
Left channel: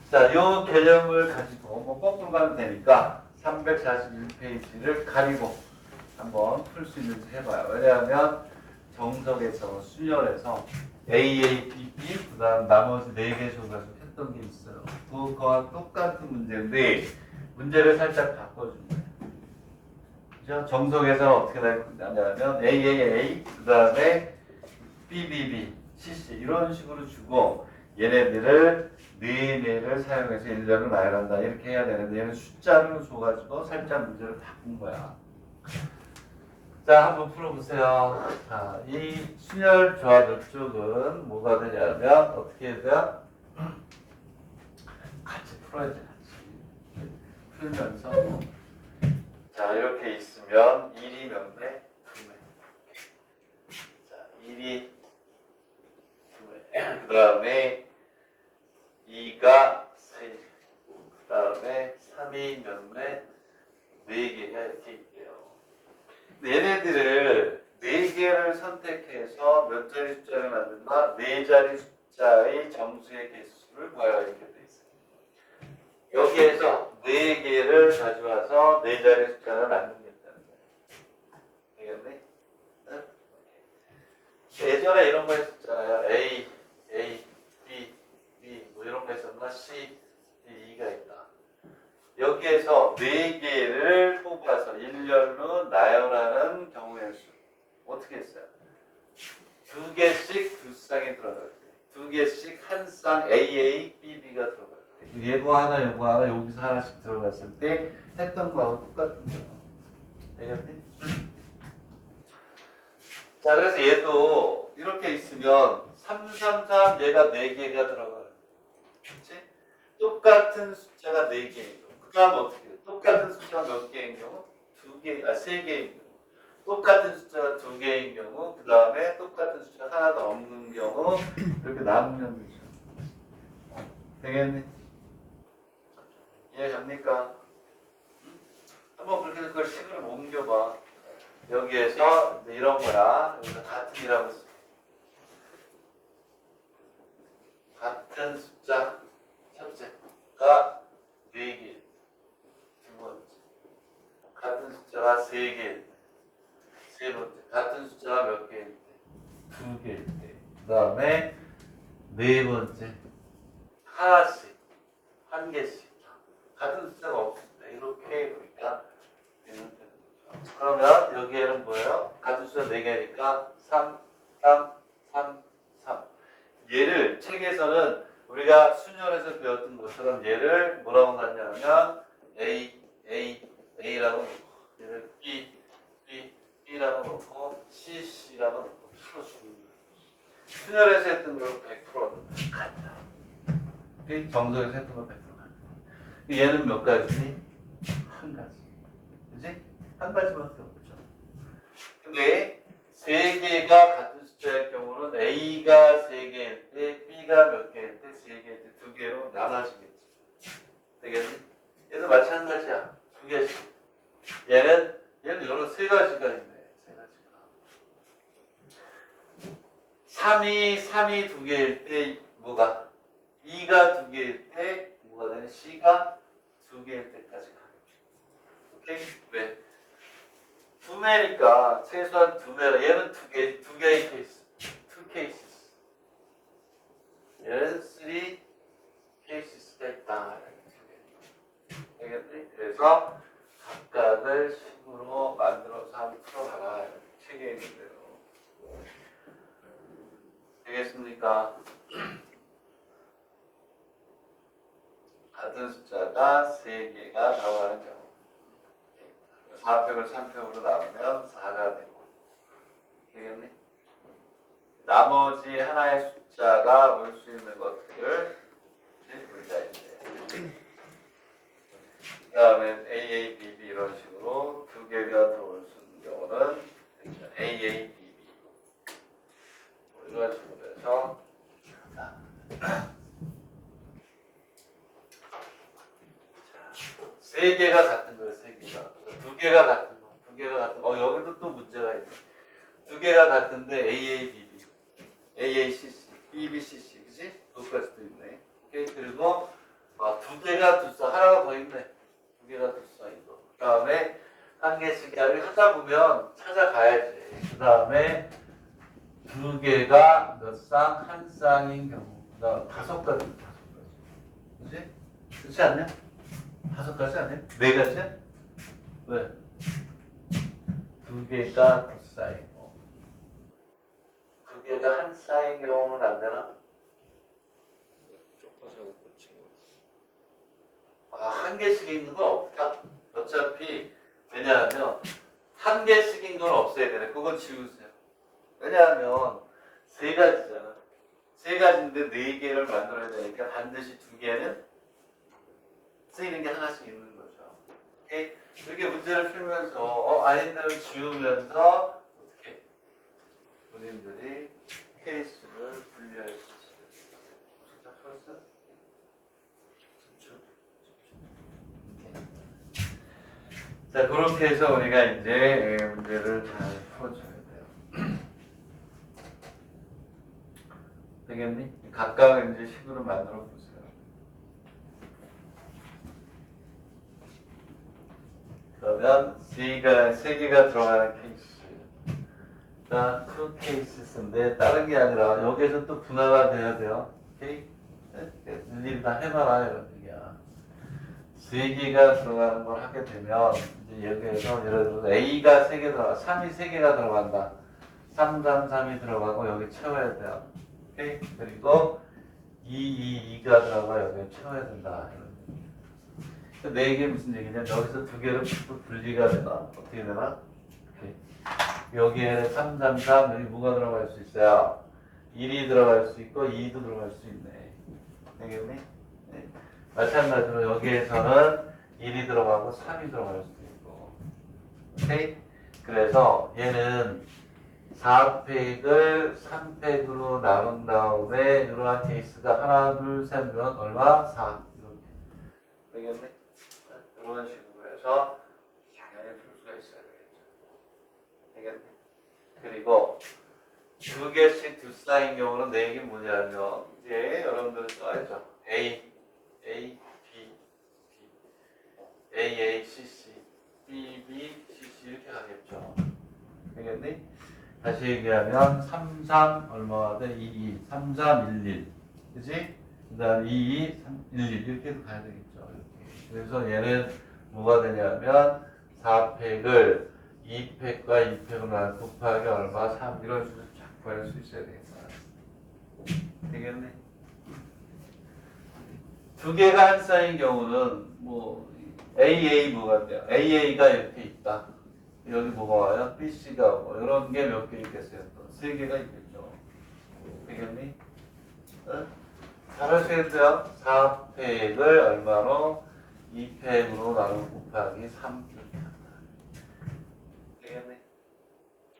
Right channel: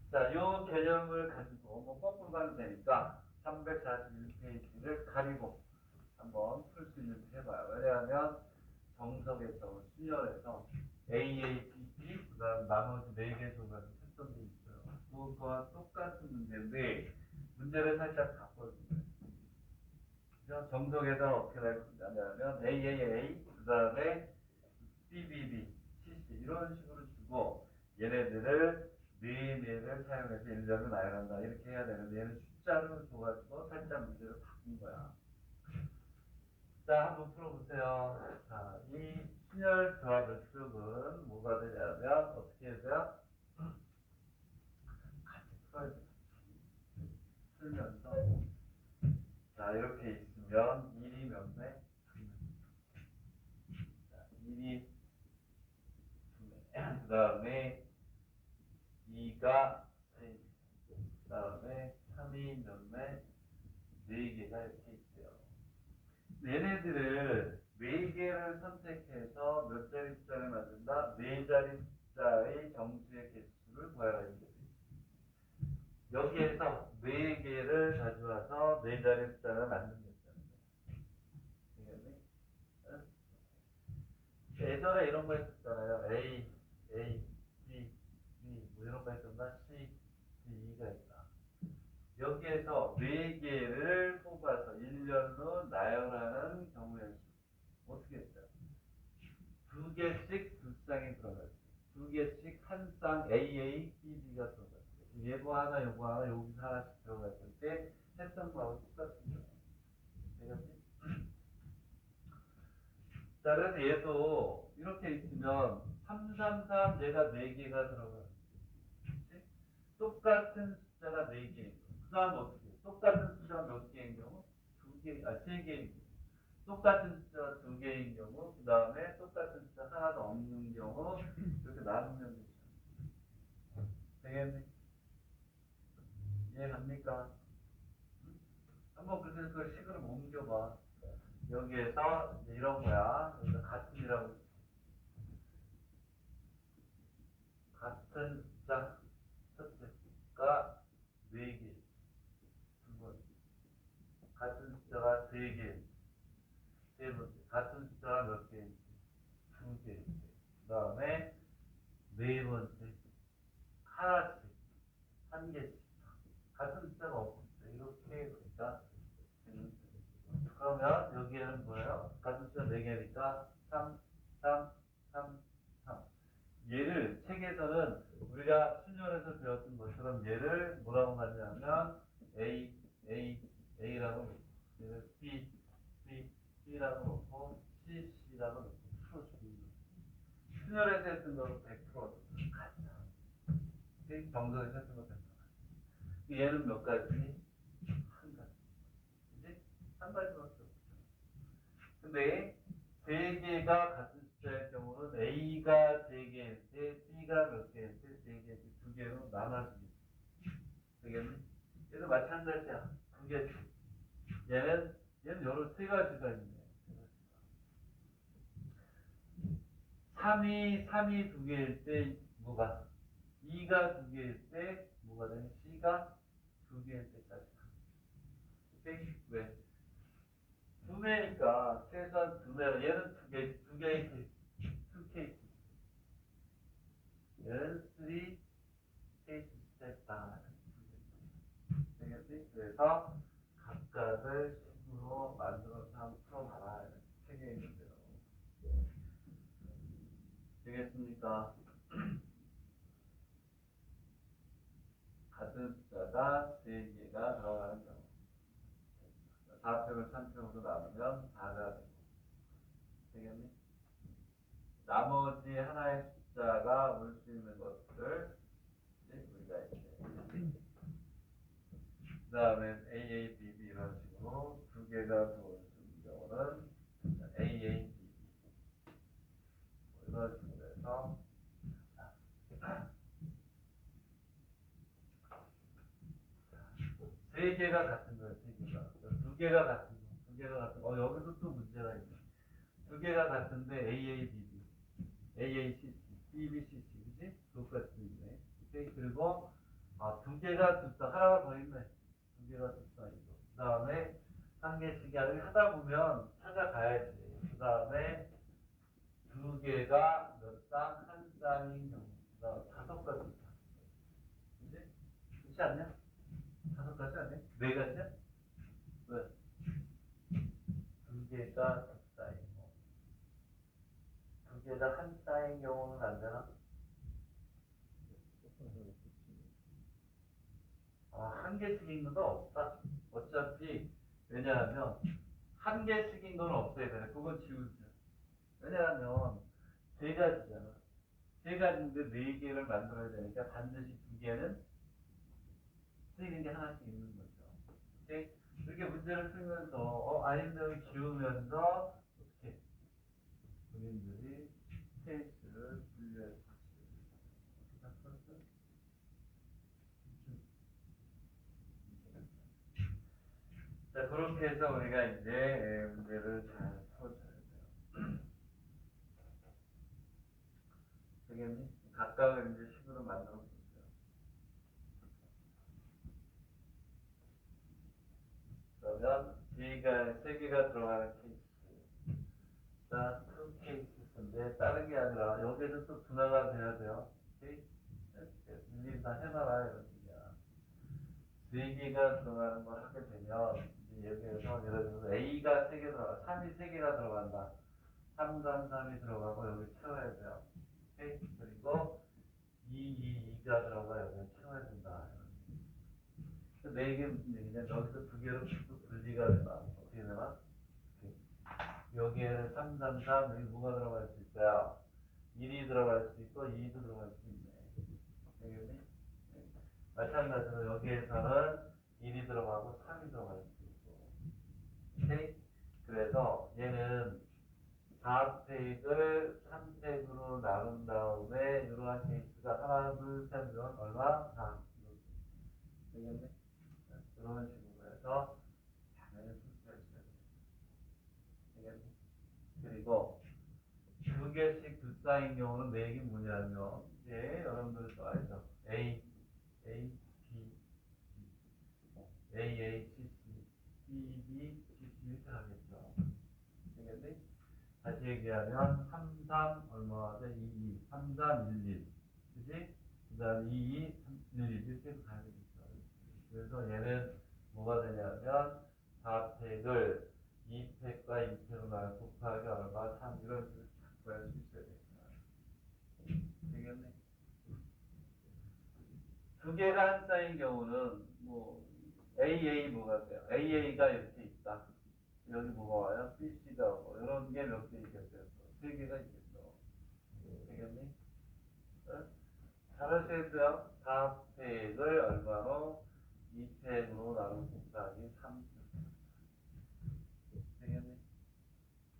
자, 이 개념을 가지고 뭐 거꾸로 가면 되니까 341페이지를 가리고 한번 풀 수 있는지 해봐요. 왜냐하면 정석에서 순열에서 A, B, B 그 다음 나머지 4개 조각을 했던 게 있어요. 그거와 똑같은 문제인데 문제를 살짝 바꿔준 거예요. 그죠? 정석에서는 어떻게 나냐면 A, 그 다음에 B, C 이런 식으로 주고 얘네들을 네개를 사용해서 1년을 나열한다 이렇게 해야 되는데 얘는 숫자를 줘가지고 살짝 문제를 바꾼 거야. 자, 한번 풀어보세요. 자, 이 순열 조합 쪽은 뭐가 되냐면 어떻게 해야 돼요? 같이 풀어야지. 같이 풀면서 자, 이렇게 있으면 1이 몇 배? 2배. 자, 1이 2배. 그 다음에 2가 3개. 그 다음에 3이 몇 배? 4개가 이렇게 있대요. 얘네들을 4개를 선택해서 몇 자리 숫자를 만든다? 4자리 숫자의 정수의 개수를 구하라 이렇게 돼 있어요. 여기에서 4개를 가져와서 4자리 숫자를 만들겠다는 거예요. 되겠네? 응? 예전에 이런 거 했었잖아요. A, B 뭐 이런 거 했었나? C, D, E가 있다. 여기에서 4개를 뽑아서 1년로 나열하는 경우의 수. 어떻게 했어요? 2개씩 2쌍에 들어갈 때. 2개씩 한 쌍 AA, BB가 들어갈 때. 얘도 하나, 요거 하나, 여기서 하나씩 들어갔을 때 했던 거하고 똑같은 거예요. 되겠니? 자, 그래서 얘도 이렇게 있으면 333 얘가 4개가 들어가요. 그치? 똑같은 숫자가 4개예요. 그 다음 어떻게 해요? 똑같은 숫자가 몇 개인 경우? 3개인 경우. 똑같은 숫자가 2개인 경우, 그 다음에 똑같은 숫자가 하나도 없는 경우, 이렇게 나누면 되죠. 되겠니? 이해됩니까? 한번 그렇게 그걸 식으로 옮겨봐. 여기에서 이런 거야. 여기서 같은이라고 써. 같은 숫자, 첫째가 4개. 두 번째. 같은 숫자가 3개일 때. 세 번째. 같은 숫자가 몇 개일 때? 2개일 때. 그 다음에 네 번째. 하나씩. 한 개씩. 같은 숫자가 없을 때. 이렇게 우리가 되는 거죠. 그러면 여기에는 뭐예요? 같은 숫자 4개니까 3, 3, 3, 3. 얘를 책에서는 우리가 순열에서 배웠던 것처럼 얘를 뭐라고 놨냐면 A라고 놓고 얘를 B라고 놓고 C라고 놓고 풀어주는 거예요. 순열에서 했던 걸 100%는 같다. 정석에서 했던 걸 100% 같다. 얘는 몇 가지니? 한 가지. 그지? 한 가지밖에 없죠. 근데 3개가 같은 숫자일 경우는 A가 3개일 때, B가 몇 개일 때, 3개일 때, 2개로 나눠지겠죠. 되겠니? 얘도 마찬가지야. 2개씩. 얘는 여러 3가지가 있네. 3가지가. 3이 2개일 때 뭐가? 2가 2개일 때 뭐가 되냐? C가 2개일 때까지 가. 오케이? 왜? 2매니까 최소한 2매라. 얘는 2개의 케이스. 2 케이스. 얘는 3 케이스가 있다. 되겠지? 그래서 각각을 식으로 만들어서 한번 풀어봐라. 책에 있는 대로. 되겠습니까? 같은 숫자가 3개가 나오는 경우. 4팩을 3팩으로 나누면 4가 되고. 같은. 여기도 또 문제가 있네. 두 개가 같은데 AABB, AACC, BBCC, 그지? 그것까지도 있네. 오케이. 그리고 두 개가 두 사이, 하나가 더 있네. 두 개가 두 사이고. 그 다음에 한 개씩 하다 보면 찾아가야지. 그 다음에 두 개가 몇 쌍, 한 쌍인 경우. 그 다음 다섯 가지. 그지? 그렇지 않냐? 다섯 가지 아니야? 네 가지야? 왜? 두 개가 두 쌍이고. 두 개가 한 쌍인 경우는 안 되나? 한 개씩 있는 건 없다. 어차피 왜냐하면 한 개씩인 건 없어야 되네. 그건 지우세요. 왜냐하면 세 가지잖아. 세 가지인데 네 개를 만들어야 되니까 반드시 두 개는 쓰이는 게 하나씩 있는 거죠. 오케이? 이렇게 문제를 풀면서 아닌데를 지우면서 어떻게 본인들이 케이스를 분리할 수 있어요. 자, 풀었어요? 자, 그렇게 해서 우리가 이제 문제를 잘 풀어줘야 돼요. 되겠니? 각각 이제 식으로 만들어 보세요. 그러면 세 개가 들어가는 케이스. 자, 투 케이스인데 다른 게 아니라 여기에서 또 분화가 돼야 돼요. 오케이? 일일이 다 해봐라 이런 얘기야. 세 개가 들어가는 걸 하게 되면 이제 여기에서 예를 들어서 A가 3개 들어가, 3이 3개가 들어간다. 3, 3, 3이 들어가고 여기 채워야 돼요. 오케이? 그리고 2가 들어가 여기 채워야 된다. 이런 네 개 무슨 얘기냐? 여기서 두 개를 또 분리가 되나? 어떻게 되나? 오케이. 여기에 3, 3, 3 여기 뭐가 들어갈 수 있어요? 1이 들어갈 수 있고 2도 들어갈 수 있네. 되겠니? 네. 마찬가지로 여기에서는 1이 들어가고 3이 들어갈 수도 있고. 오케이? 그래서 얘는 4팩을 3팩으로 나눈 다음에 이러한 케이스가 하나, 둘, 셋면 얼마? 4. 이렇게. 되겠네? 이런 식으로 해서 당연히 풀 수가 있어야 되겠죠. 되겠네? 그리고 두 개씩 두 쌍인 경우는 네 개 뭐냐면 이제 여러분들 써야죠. A, B, B, A, C, B, C 이렇게 가겠죠. 되겠니? 다시 얘기하면 3, 3 얼마가 돼? 2, 3, 3, 1, 1 그치? 그 다음 2, 3, 1, 1 이렇게 해서 가야 되겠죠. 이렇게. 그래서 얘는 뭐가 되냐면 4팩을 2팩과 2팩을 곱하기 얼마? 3 이런 식으로 쫙 구할 수 있어야 되겠다. 되겠네? 두 개가 한 쌍인 경우는 뭐 AA 뭐가 돼요? AA가 이렇게 있다. 여기 뭐가 와요? BC가 오고 이런 게 몇 개 있겠어요? 또 세 개가 있겠죠. 되겠니? 어? 잘 하셔야돼요. 4팩을 얼마로? 2팩으로 나누고 곱하기 3 이렇게 한다. 되겠니?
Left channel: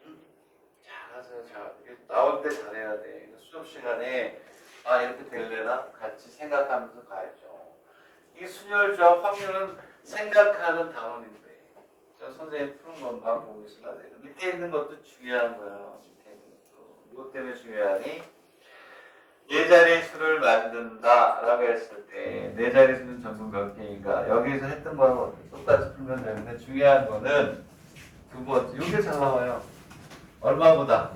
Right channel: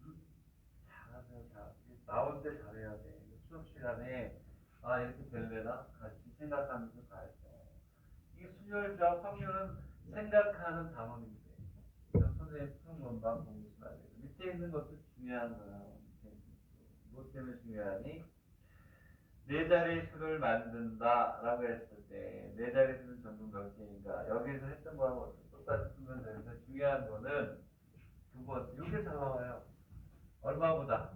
응? 잘하세요. 나올 때 잘해야 돼. 수업 시간에 이렇게 될래나? 같이 생각하면서 가야죠. 이게 순열적 확률은 생각하는 단원인데 선생님 푸는 것만 보고 있어야 돼요. 밑에 있는 것도 중요한 거야. 밑에 있는 것도. 이것 때문에 중요하니 네 자릿수를 만든다라고 했을 때 네 자릿수는 전부 몇 개인가? 여기서 했던 거하고 똑같이 풀면 되는데 중요한 거는 두 번째. 이게 잘 나와요. 얼마보다?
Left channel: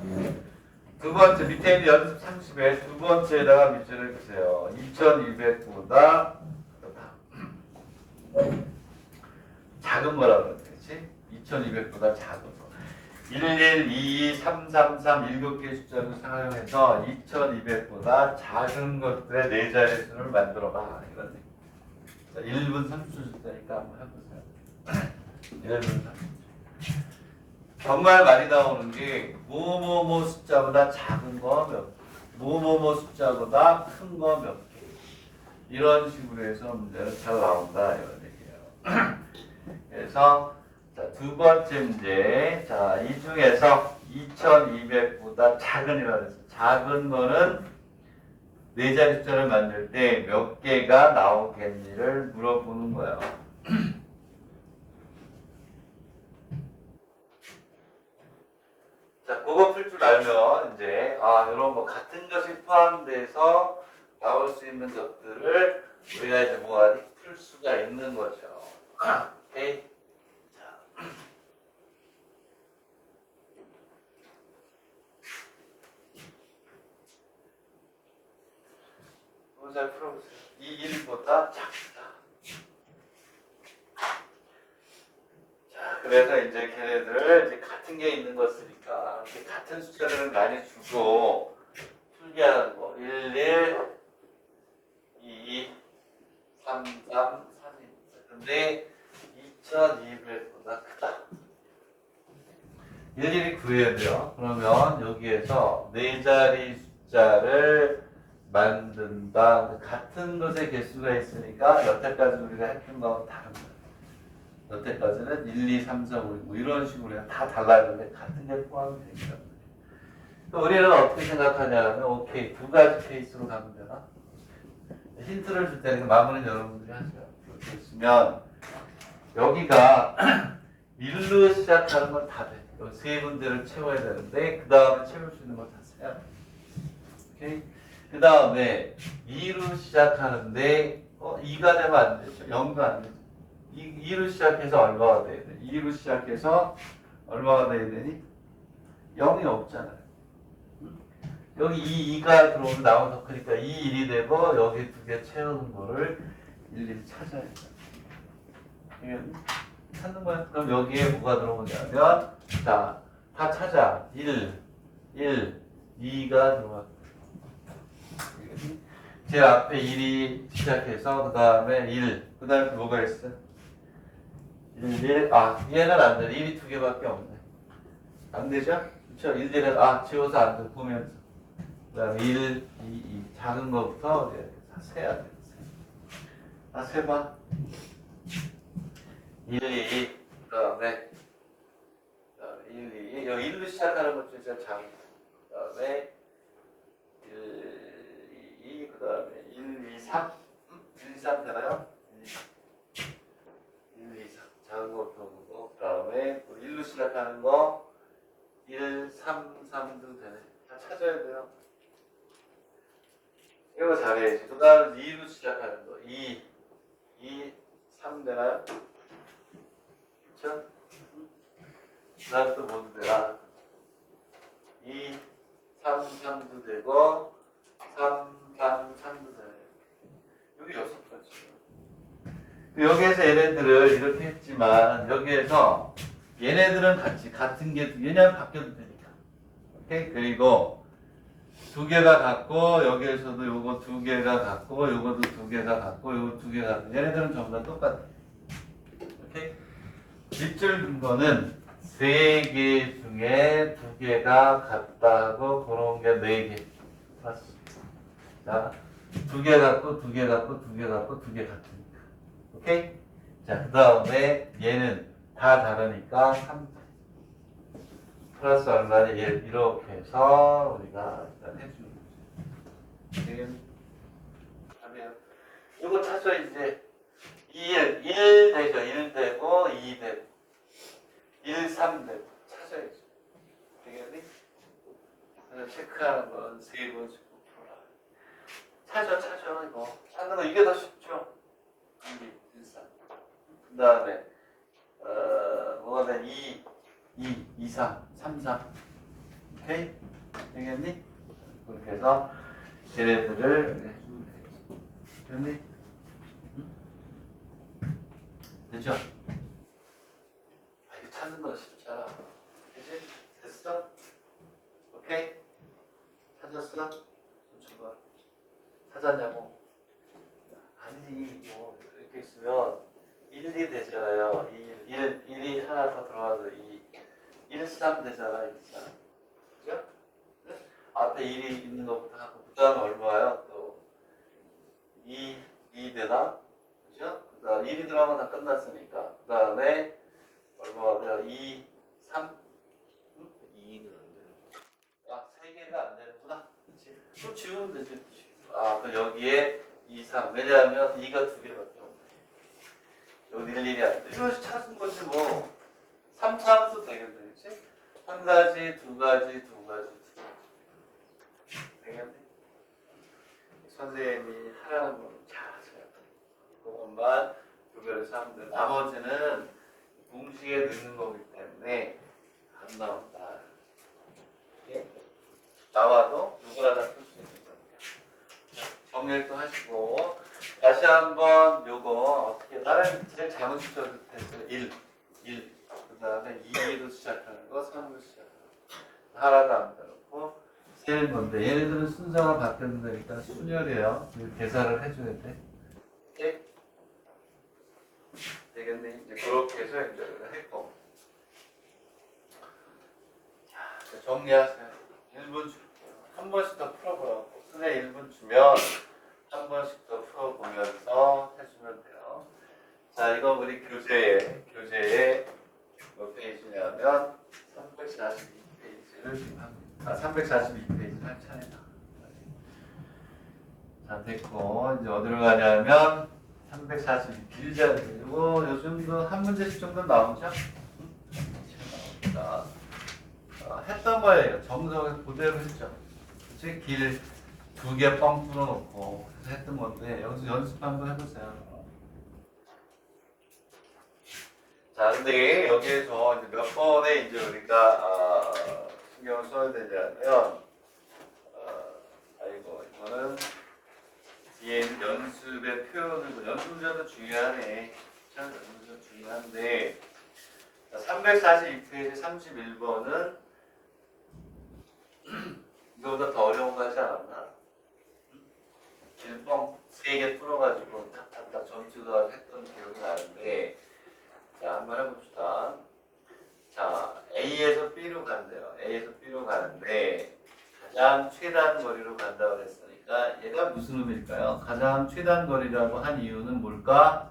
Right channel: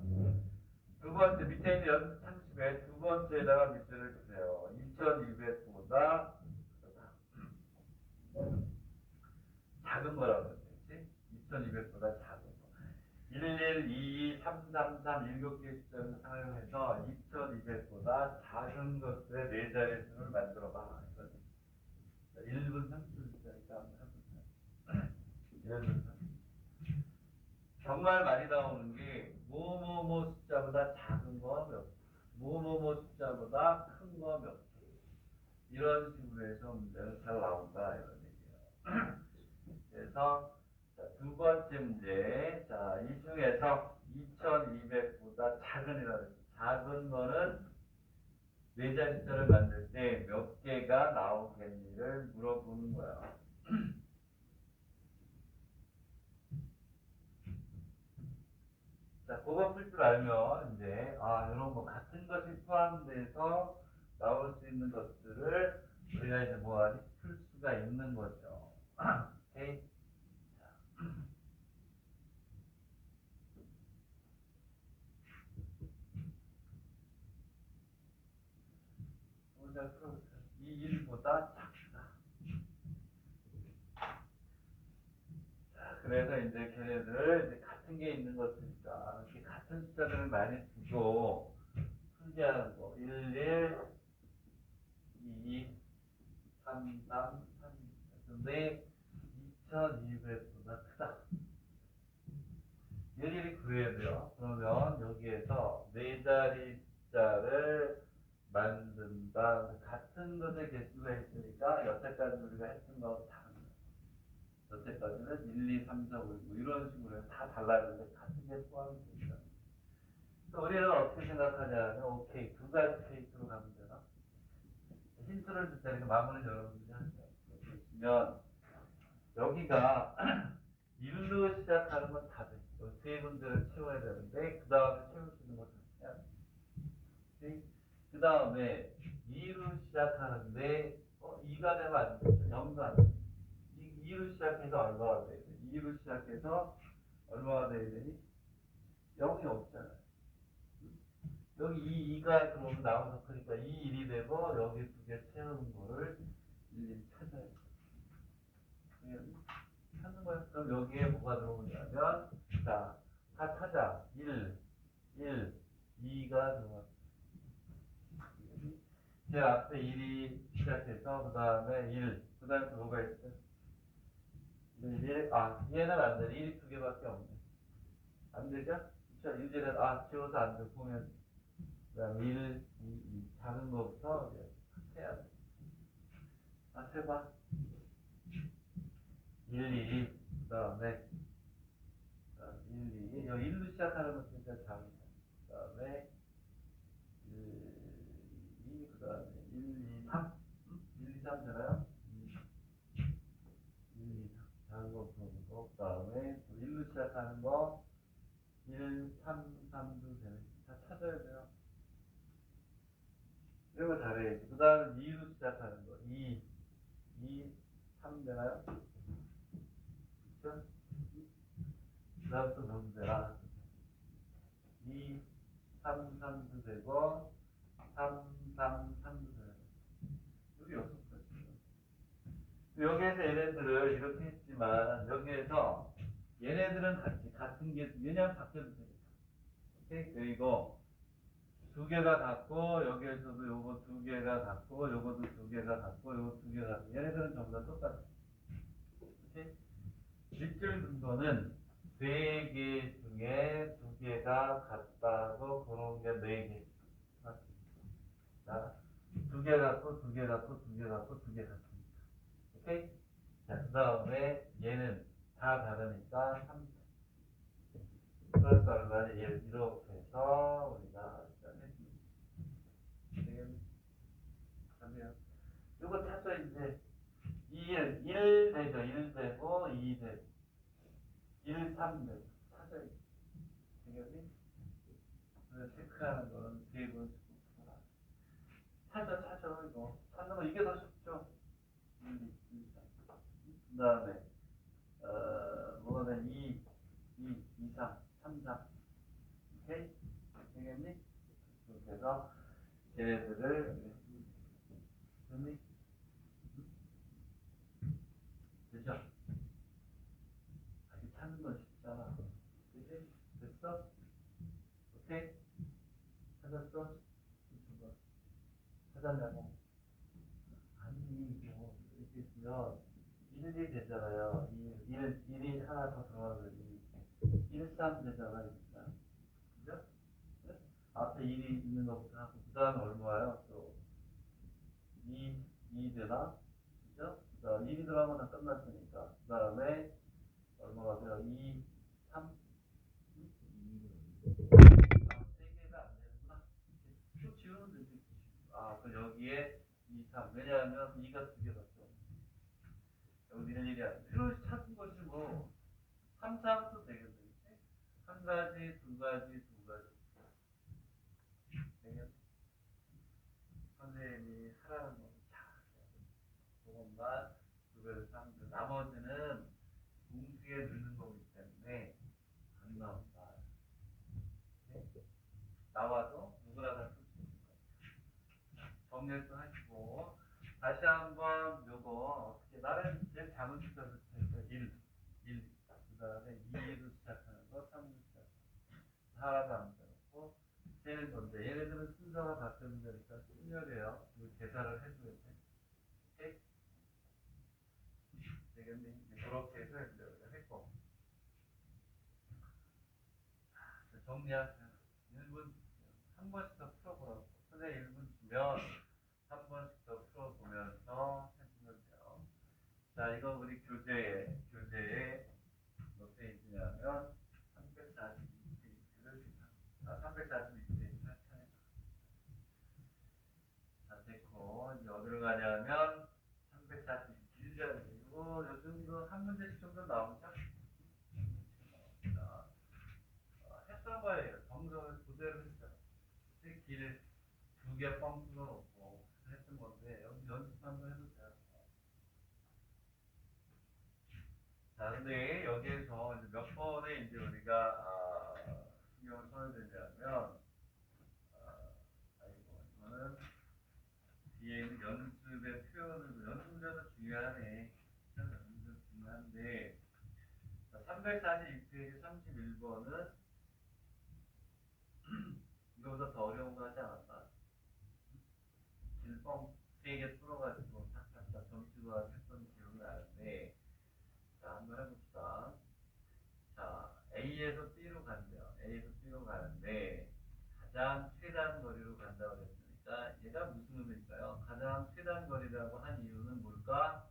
두 번째 밑에 있는 연습 30에 두 번째에다가 밑줄을 그세요. 2200보다 작은 거라고 그러지? 2200보다 작은 거. 11, 22, 3, 3, 3 7개의 숫자를 사용해서 2200보다 작은 것들의 네 자릿수를 만들어봐. 이런 얘기. 자, 1분 30초 줄 테니까 한번 해보세요. 1분 30초. 정말 많이 나오는 게 뭐뭐뭐 숫자보다 작은 거 몇 개, 뭐뭐뭐 숫자보다 큰 거 몇 개. 이런 식으로 해서 문제는 잘 나온다. 이런 얘기예요. 그래서 자, 두 번째 문제. 자, 이 중에서 2200보다 작은이라고 했어요. 작은 거는 네 자리 숫자를 만들 때 몇 개가 나오겠니를 물어보는 거예요. 자, 그거 풀 줄 알면 이제 이런 거 같은 것이 포함돼서 나올 수 있는 것들을 우리가 이제 뭐하니 풀 수가 있는 거죠. 오케이. 자. 이거 잘 풀어보세요. 이 1보다 작다. 자, 그래서 이제 걔네들 이제 같은 게 있는 거 쓰니까 이렇게 같은 숫자들을 많이 주고 풀게 하는 거. 1, 2, 3, 3, 3. 근데 2200보다 크다. 일일이 구해야 돼요. 그러면 여기에서 네 자리 숫자를 만든다. 같은 것의 개수가 있으니까 여태까지 우리가 했던 거하고 다른 거예요. 여태까지는 1, 2, 3, 4, 5, 6 이런 식으로 다 달라졌는데 같은 게 포함이 되니까. 우리는 어떻게 생각하냐면 오케이 두 가지 케이스로 가면 되나? 힌트를 줄 테니까 마무리는 여러분들이 하세요. 이렇게 있으면 여기가 1로 시작하는 건 다 돼. 이 세 군데를 채워야 되는데 그 다음에 채울 수 있는 거 다 써야 돼. 오케이? 그 다음에 2로 시작하는데 2가 되면 안 되죠. 0도 안 되죠. 2로 시작해서 얼마가 돼야 돼? 2로 시작해서 얼마가 돼야 되니? 0이 없잖아요. 여기 2가 들어오면 나오면 더 크니까 2, 1이 되고 여기 두 개 채우는 거를 일일이 찾아야 돼. 찾는 거야. 그럼 여기에 뭐가 들어오냐면 자, 다 찾아. 1, 2가 들어와. 제 앞에 1이 시작해서 그 다음에 1, 그 다음에 뭐가 있어? 1, 얘는 안 돼. 1이 두 개밖에 없네. 안 되죠? 그렇죠? 1, 1은 지워서 안 돼. 보면서. 그 다음에 1, 2, 작은 거부터 이제 다 세야 돼. 세봐. 1, 2, 그 다음에 1, 2, 여기 1로 시작하는 것 중에 제일 작은 거. 그 다음에 1, 2, 그 다음에 1, 2, 3. 1, 2, 3 되나요? 1, 2, 3. 작은 거부터 보고, 그 다음에 1로 시작하는 거 1, 3, 3도 되네. 다 찾아야 돼요. 이거 잘해야지. 그 다음에 2로 시작하는 거 2, 3 되나요? 그쵸? 그 다음 또 뭐도 되나? 2, 3, 3도 되고 3, 3, 3도 되네. 여기 6가지. 여기에서 얘네들을 이렇게 했지만 여기에서 얘네들은 같은 게 왜냐면 바뀌어도 되니까. 오케이? 그리고 두 개가 같고 여기에서도 요거 두 개가 같고 요거도 두 개가 같고 요거 두 개가 같고 얘네들은 전부 다 똑같아. 오케이? 밑줄 근거는 세 개 중에 두 개가 같다고 그런 게 네 개. 봤어. 자, 두 개 같고 두 개 같고 두 개 같고 두 개 같으니까. 오케이? 자, 그 다음에 얘는 다 다르니까 3. 플러스 얼마니? 이렇게 해서 우리가 일단 해주는 거죠. 지금 하면 이거 찾아 이제 1 되죠. 1 되고 2 되고 1, 3 되고 찾아야죠. 되겠니? 그래서 체크하는 건 세 번씩 풀어라. 찾아 이거 찾는 거 이게 더 쉽죠. 1, 3. 그 다음에 뭐가 돼? 2, 3, 3, 4. 오케이? 되겠니? 그렇게 해서 걔네들을 해주면 되겠지. 됐니? 되죠? 이거 찾는 건 쉽잖아. 그치? 됐어? 오케이? 찾았어? 좀 줘봐. 찾았냐고? 아니지, 뭐, 이렇게 있으면 1이 되잖아요. 1이 하나 더 들어가서 1, 3 되잖아. 1, 3. 그죠? 네? 앞에 1이 있는 것부터 하고, 그 다음에 얼마예요? 또 2 되나? 그죠? 그 다음 1이 들어가면 다 끝났으니까. 그 다음에 얼마가 돼요? 2, 3? 2는 안 돼. 3개가 안 되는구나. 그치? 또 지우면 되지. 그 여기에 2, 3. 왜냐하면 2가 2개밖에 없네. 여기 일일이 안 돼. 이거 찾은 거지 뭐. 3, 3도 되겠네. 그치? 3, 한 가지, 두 가지, 두 가지. 되겠네? 선생님이 하라는 걸 잘하세요. 그것만 구별해서 하면 돼. 나머지는 공식에 넣는 거기 때문에 안 나온다. 예? 나와도 누구나 다 쓸 수 있는 거니까. 정리를 또 하시고 다시 한번 요거 어떻게 나는 제일 자문식적으로 했어요. 1. 그 다음에 2로 시작하는 거, 3으로 시작하는 거. 하나도 안 빼놓고 세는 건데 얘네들은 순서가 바뀌었으니까 순열이에요. 계산을 해줘야 돼. 오케이? 되겠네. 이제 그렇게 해서 이제 했고. 자, 정리하세요. 1분 줄게요. 한 번씩 더 풀어보라고. 선생님 1분 주면 한 번씩 더 풀어보면서 해주면 돼요. 자, 이거 우리 교재에 몇 페이지냐면 342페이지를 지금 합니다. 342페이지 할 차례다. 자, 됐고 이제 어디로 가냐면 342 길잖아요. 이거 요즘도 한 문제씩 정도 나오죠? 나옵니다. 했던 거예요. 정석을 그대로 했죠. 그치? 길 2개 뻥 뚫어놓고 했던 건데 여기서 연습 한번 해보세요. 자, 근데 여기에서 이제 몇 번에 이제 우리가 신경을 써야 되냐면 아이고 이거는 뒤에 있는 연습의 표현을 연습 문제도 중요하네. 참 연습 문제도 중요한데 342페이지 31번은 이거보다 더 어려운 거 하지 않았나? 길뻥 3개 뚫어가지고 탁탁탁 점수가 했던 기억이 나는데 자, 한번 해봅시다. 자, A에서 B로 간대요. A에서 B로 가는데 가장 최단 거리로 간다고 했으니까 얘가 무슨 의미일까요? 가장 최단 거리라고 한 이유는 뭘까?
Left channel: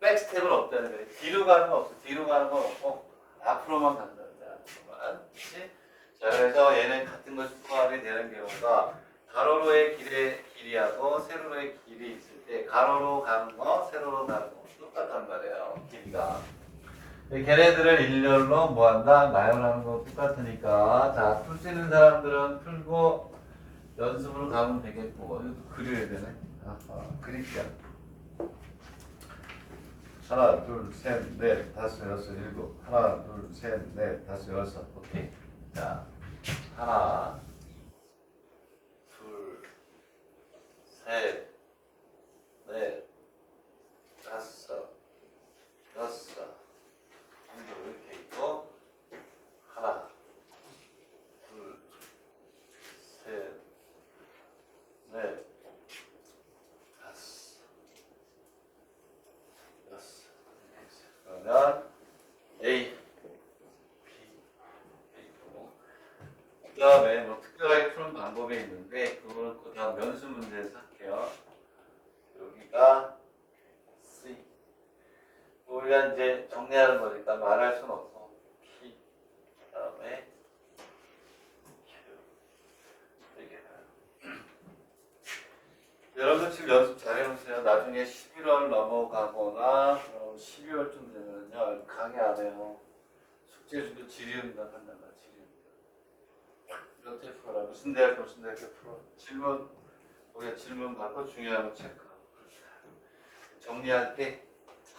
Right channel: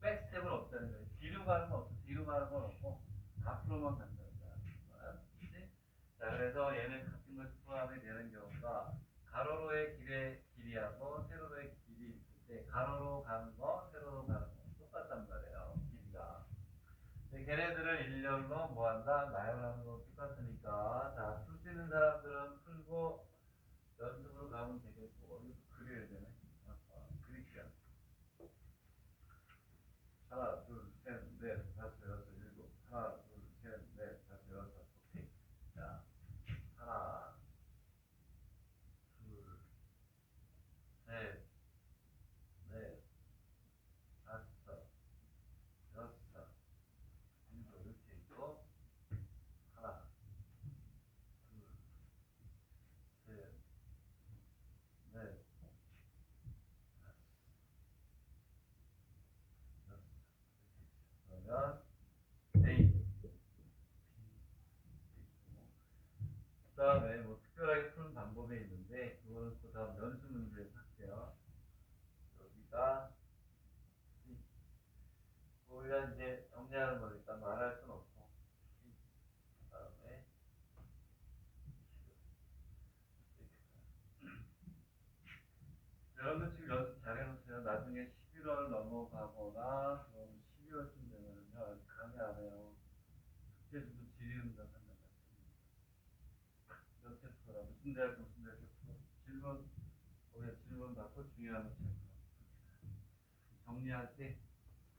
백스텝은 없다는 거예요. 뒤로 가는 건 없어. 뒤로 가는 건 없고 앞으로만 간다. 앞으로만. 그치? 자, 그래서 얘는 같은 것이 포함이 되는 경우가 가로로의 길이하고 세로로의 길이 있을 때 가로로 가는 거, 세로로 가는 거 똑같단 말이에요. 길이가. 걔네들을 일렬로 뭐한다? 나열하는 거 똑같으니까 자, 풀 수 있는 사람들은 풀고 연습으로 가면 되겠고 이것도 그려야 되네. 그릴게요. 하나, 둘, 셋, 넷, 다섯, 여섯, 일곱. 하나, 둘, 셋, 넷, 다섯, 여섯. 오케이. 자, 하나, 둘, 셋, 넷, 다섯, 여섯. 이렇게 있고 하나, 둘, 셋, 넷, 다섯, 여섯. 그러면 A, B, A고 그 다음에 뭐 특별하게 푸는 방법이 있는데 그거는 그 다음 연습 문제에서 할게요. 여기가 C. 우리가 이제 정리하는 거니까 말할 수는 없고 P 그 다음에 Q 이게 여러분 지금 연습 잘 해놓으세요. 나중에 11월 넘어가거나 12월쯤 되면요 강의 안 해요. 숙제 주고 질의응답 한단 말이야. 질의응답 이렇게 풀어라. 무슨 대학 풀어. 질문 우리가 질문 받고 중요한 거 체크하고 정리할 때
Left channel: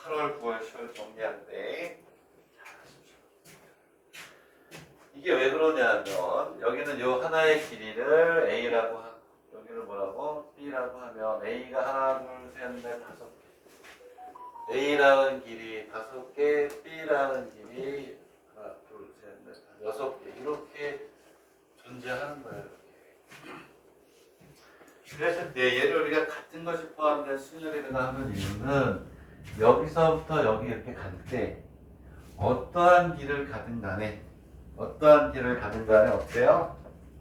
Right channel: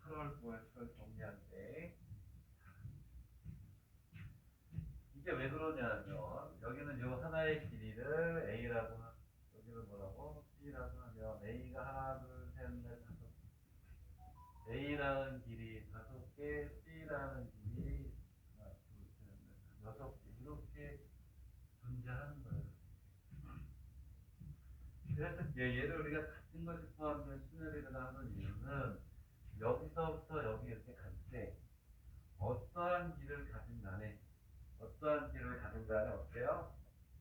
8월, 9월, 10월 정리할 때 이게 왜 그러냐면 여기는 요 하나의 길이를 A라고 하고 여기를 뭐라고? B라고 하면 A가 하나, 둘, 셋, 넷, 다섯 개 A라는 길이 5개, B라는 길이 하나, 둘, 셋, 넷, 6개 이렇게 존재하는 거예요. 이렇게. 그래서 얘를 우리가 같은 것이 포함된 순열이라고 하는 이유는 여기서부터 여기 이렇게 갈 때 어떠한 길을 가든 간에 어때요?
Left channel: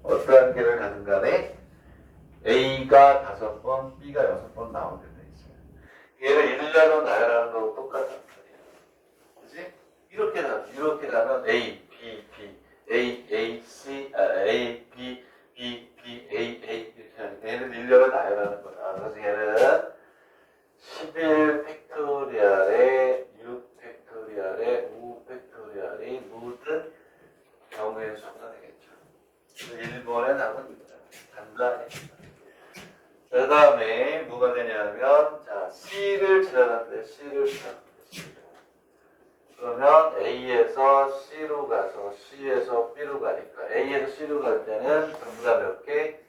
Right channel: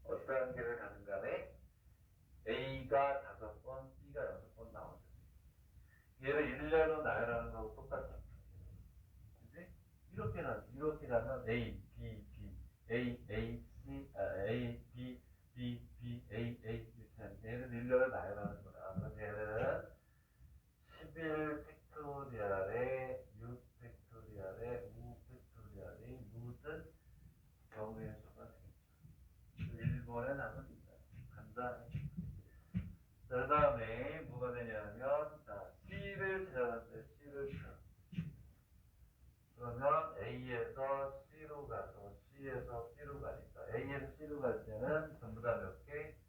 어떠한 길을 가든 간에 A가 5번, B가 6번 나오게 돼 있어요. 얘를 일자로 나열하는 거하고 똑같단 말이에요. 그치? 이렇게 가면 A, B, B, A, C, A, B, B, B, A, 이렇게 하니까 얘를 일자로 나열하는 거야. 그래서 얘는 11 팩토리얼에 6 팩토리얼에 5 팩토리얼이 모든 C에서 B로 가니까 A에서 C로 갈 때는 전부 다 몇 개?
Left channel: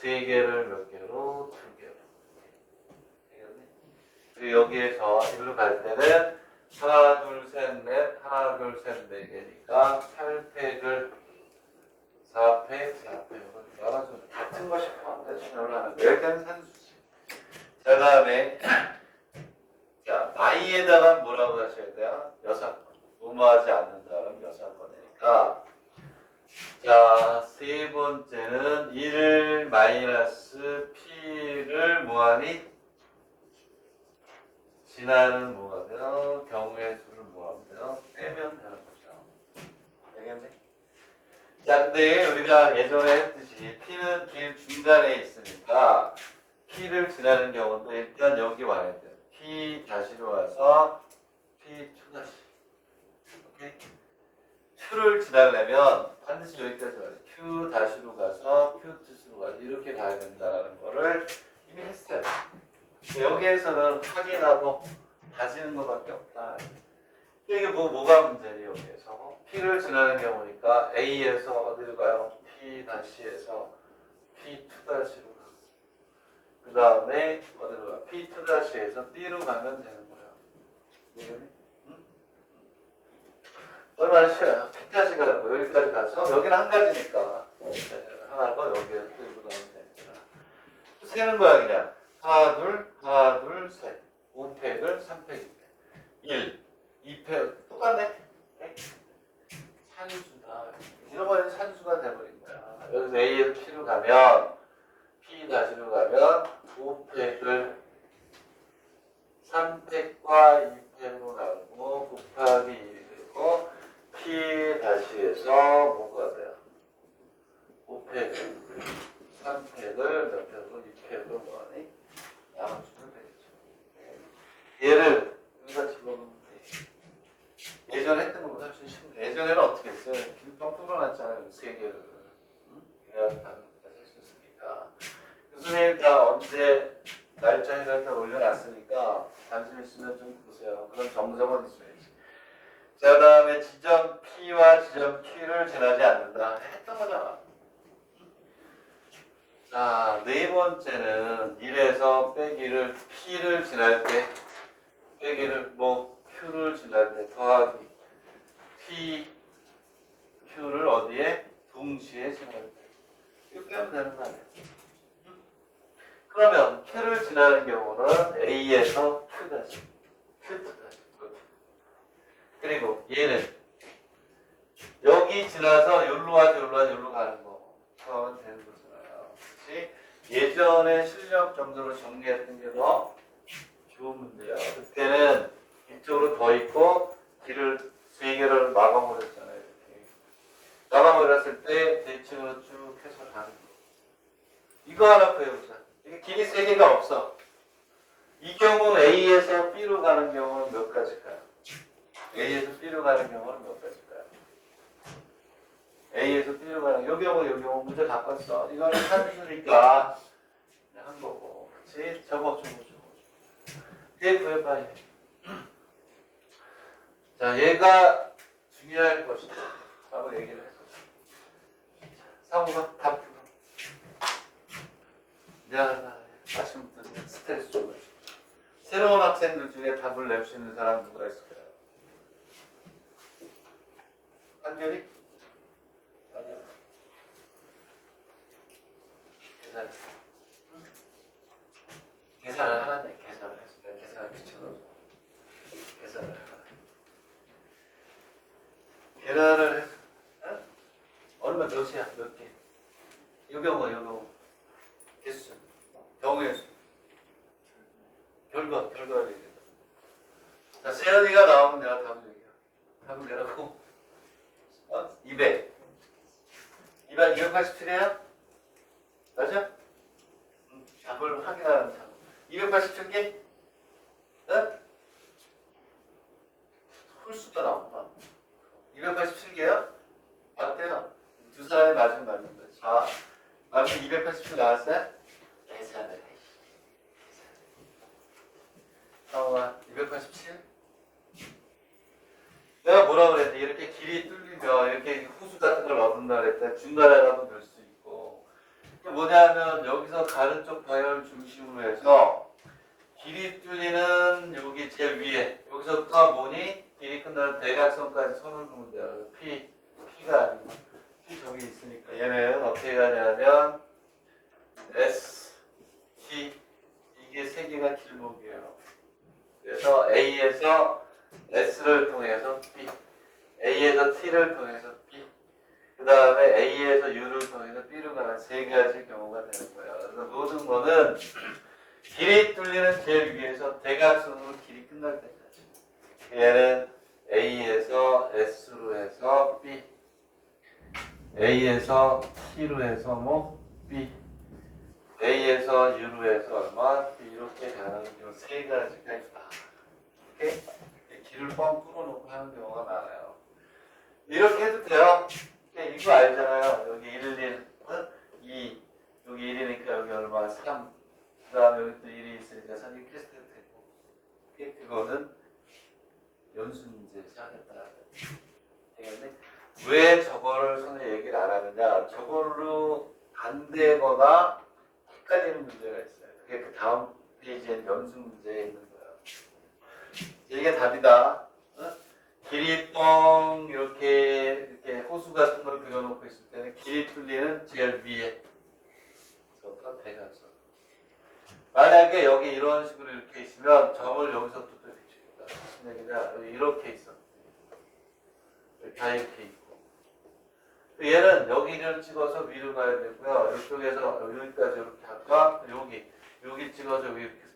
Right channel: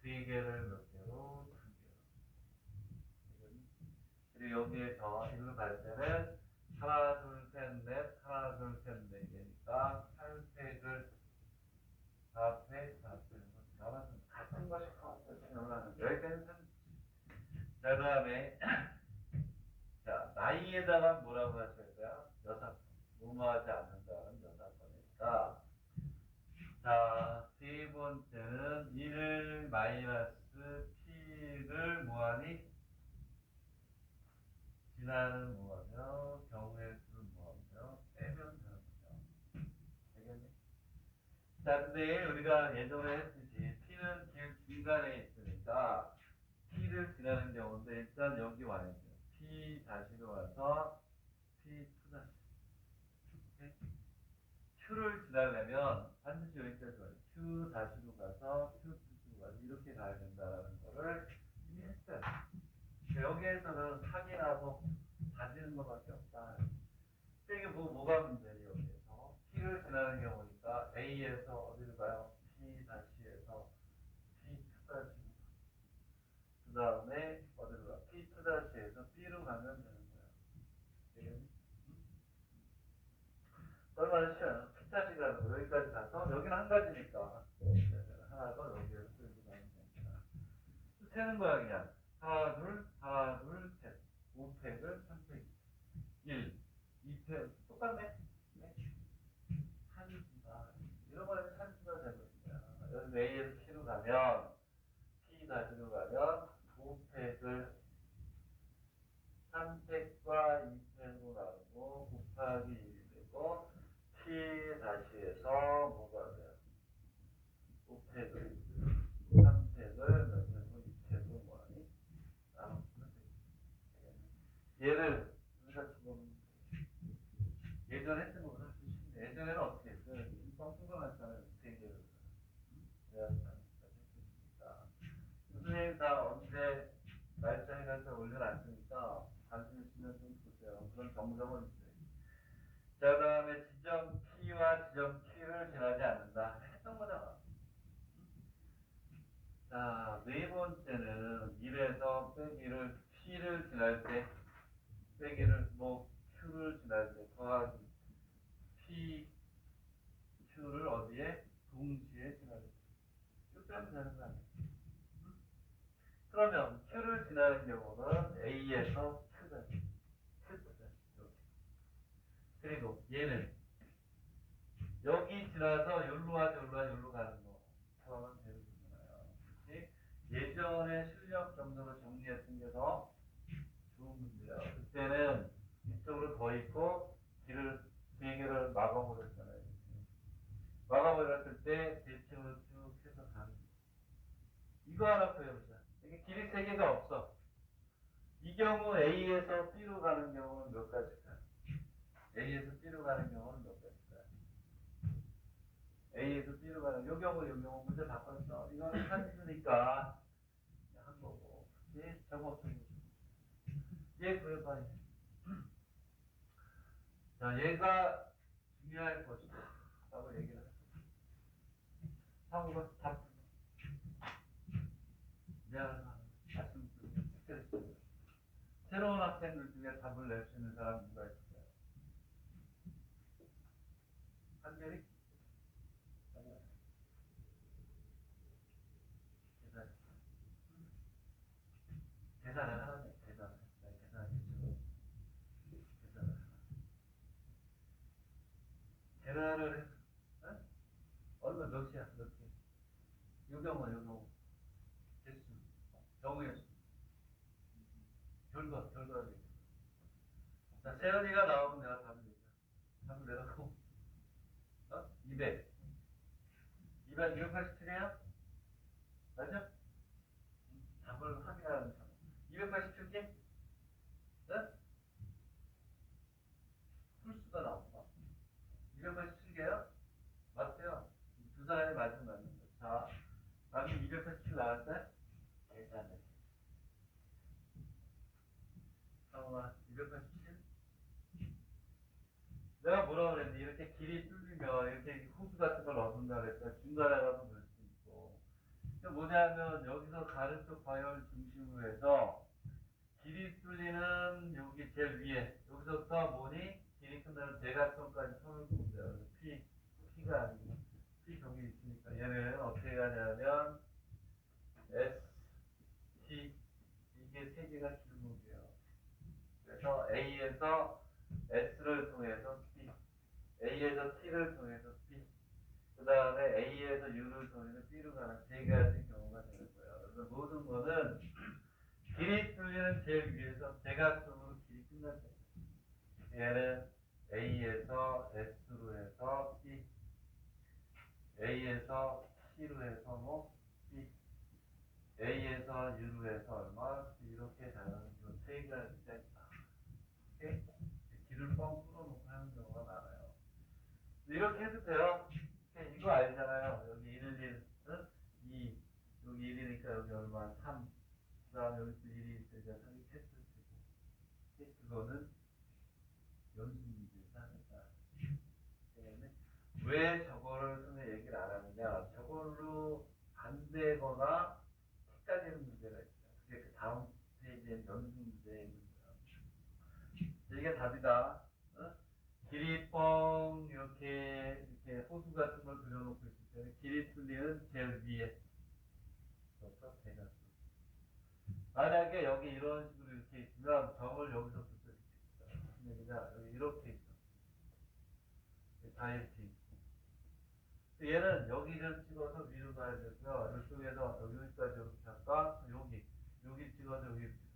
3개를 몇 개로? 2개로. 그리고 여기에서 일로 갈 때는 하나, 둘, 셋, 넷, 하나, 둘, 셋, 네 개니까 8팩을 4팩, 4팩으로 열어서 같은 것이 포함되지 않는 이렇게는 산수지. 자, 그 다음에 자, 나이에다가 뭐라고 하셔야 돼요? 여사건. 무모하지 않는다는 여사건이니까. 자, 세 번째는 1 마이너스 P를 뭐하니? 지나는 뭐가 돼요? 경우의 수를 뭐하면 돼요? 빼면 되는 거죠. 알겠네? 자, 근데 우리가 예전에 했듯이 P는 길 중간에 있으니까 P를 지나는 경우도 일단 여기 와야 돼요. P 다시로 와서 P2 다시. 오케이? 2를 지나려면 반드시 여기까지 와요. Q 다시로 가서 Q2로 가서 이렇게 가야 된다는 거를 이미 했어요. 여기에서는 확인하고 다지는 것밖에 없다. 이게 뭐가 문제니 여기에서? P를 지나는 경우니까 A에서 어디로 가요? P 다시에서 P2 다시로 가고 그 다음에 어디로 가요? P2 다시에서 B로 가면 되는 거예요. 응? 얼마나 쉬워요? P 다시가 여기까지 가서 여기는 한 가지니까 하나가 여기에서 들고 가면 됩니다. 세는 거야 그냥. 하나, 둘, 셋. 5팩을 3팩, 1, 2팩. 똑같네? 네? 산수다. 잃어버린 산수가 돼버린 거야. 여기서 A에서 P로 가면, P 다시로 가면, 5팩을 3팩과 2팩으로 나누고, 곱하기 1이 되고, P 다시에서 뭐가 돼요? 5팩을, 3팩을 몇 팩으로, 2팩으로 뭐하니? 나눠주면 되겠죠. 얘를 여기다 집어넣으면 돼. 예전에 했던 것보다 훨씬 쉽네. 예전에는 어떻게 했어요? 길빵 뚫어놨잖아요. 3개를. 그래야 다른 데다 쓸수 있으니까. 교수님 다 언제 날짜 해서 올려놨으니까 관심 있으면 좀 보세요. 그런 정석은 있어야지. 자, 그 다음에 지점 P와 지점 Q를 지나지 않는다. 했던 거잖아. 자, 네 번째는 1에서 빼기를 P를 지날 때 빼기를 Q를 지날 때 더하기 P, Q를 어디에? 동시에 지날 때 이거 빼면 되는 거 아니에요? 그러면 Q를 지나는 경우는 A에서 Q 다시 Q2 다시 그리고 얘는 여기 지나서 여기로 와서 여기로 가는 거 그러면 되는 거죠. 예전에 실력 정도로 정리했던 게 더 좋은 문제야. 그때는 이쪽으로 더 있고 길을 3개를 막아버렸잖아요. 이렇게. 막아버렸을 때 대칭으로 쭉 해서 가는 거. 이거 하나 구해보자. 이게 길이 3개가 없어. 이 경우 A에서 B로 가는 경우는 몇 가지일까요? A에서 B로 가는 경우는 몇 가지일까요? A에서 B로 가는 요 경우 문제 바꿨어. 이거는 산수니까 한 거고, 그렇지? 저거. 얘 구해봐야 돼. 자, 얘가 중요할 것이다. 라고 얘기를 했어. 상호가 답 주고. 야, 아침부터 스트레스 좀 가지고. 새로운 학생들 중에 답을 낼 수 있는 사람 누가 있을까요? 한결이? 아니야. 계산을 하라네. 계산을 했어. 내가 계산을 붙여넣어서. 계산을 하라. 계산을 해서. 어? 얼마 몇이야? 몇 개? 요 경우. 개수. 경우의 수. 결과를 얘기해. 자, 세연이가 나오면 내가 답을 얘기해. 답을 내라고. 200. 287이야? 맞아? 답을 확인하는 참. 287개? 네? 홀수가 나온다. 287개요? 맞대요. 두 사람이 맞으면 맞는 거지. 자, 맞으면 287 나왔어요? 계산을 해. 상호가 287? 내가 뭐라 그랬지? 이렇게 길이 뚫리면 이렇게 이렇게 호수 같은 걸 얻는다 그랬다. 중간에라도 넣을 수 있고. 그 뭐냐면 여기서 가는 쪽 방향을 중심으로 해서 길이 뚫리는 여기 제일 위에 여기서부터 뭐니? 길이 끝나는 대각선까지 선을 그으면 돼요. P가 아니고 P 저기 있으니까 얘는 어떻게 가냐면 S, T 이게 세 개가 길목이에요. 그래서 A에서 S를 통해서 B, A에서 T를 통해서 B, 그 다음에 A에서 U를 통해서 B로 가는 세 가지 경우가 되는 거예요. 그래서 모든 거는 길이 뚫리는 제일 위에서 대각선으로 길이 끝날 때까지. 얘는 A에서 S로 해서 B, A에서 T로 해서 뭐 B, A에서 U로 해서 얼마 B 이렇게 가는 이 세 가지가 있다. 이렇게 길을 뻥 뚫어놓고 하는 경우가 많아요. 이렇게 해도 돼요. 이거 알잖아요. 여기 1, 2, 여기 1이니까 여기 얼마 3. 그 다음에 여기 또 1이 있으니까 3이 캐스트 되고. 그거는 연수 문제에서 하겠다. 되겠네. 왜 저거를 선생님 얘기를 안 하느냐. 저걸로 안 되거나 헷갈리는 문제가 있어요. 그게 그 다음 페이지에 연수 문제에 있는 거예요. 이게 답이다. 길이 뻥 이렇게 호수 같은 걸 그려놓고 있을 때는 길이 뚫리는 제일 위에 저부터 대각선. 만약에 여기 이런 식으로 이렇게 있으면 점을 여기서부터 비춥니다. 무슨 얘기냐? 여기 이렇게 있어. 다 이렇게 있고. 얘는 여기를 찍어서 위로 가야 되고요. 이쪽에서 여기까지 이렇게 할까? 여기 찍어서 여기 이렇게 해서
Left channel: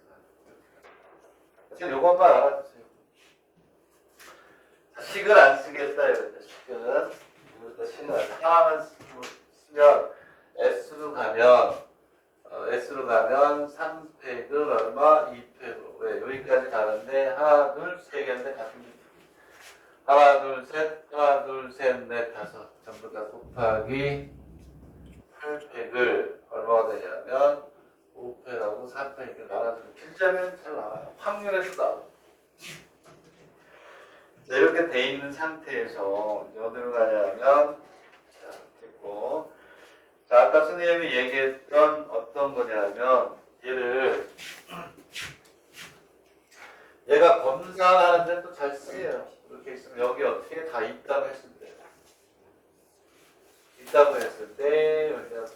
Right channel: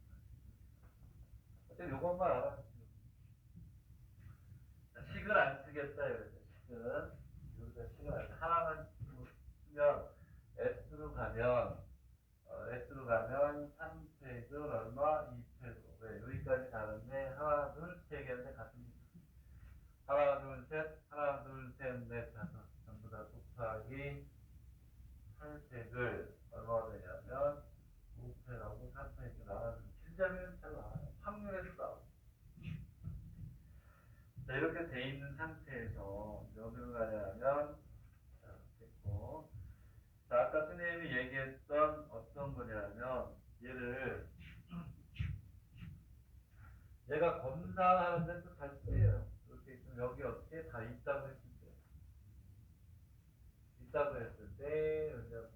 지금 요것만 알아두세요. 식을 안 쓰겠다 이거죠. 식은 이거부터 식을 안 써. 하나만 쓰면 S로 가면 3팩을 얼마? 2팩으로. 왜? 여기까지 가는데 하나, 둘, 세 개인데 같은 게 하나, 둘, 셋, 넷, 다섯 전부 다 곱하기 8팩을 얼마가 되냐면 5팩하고 3팩을 나눠주면 길자면 잘 나와요. 확률에서 나와요. 자, 이렇게 돼 있는 상태에서 이제 어디로 가냐면 자, 됐고. 자, 아까 선생님이 얘기했던 어떤 거냐면 얘가 검사하는데 또 잘 쓰여요. 이렇게 있으면 여기 어떻게 다 있다고 했을 때 여기가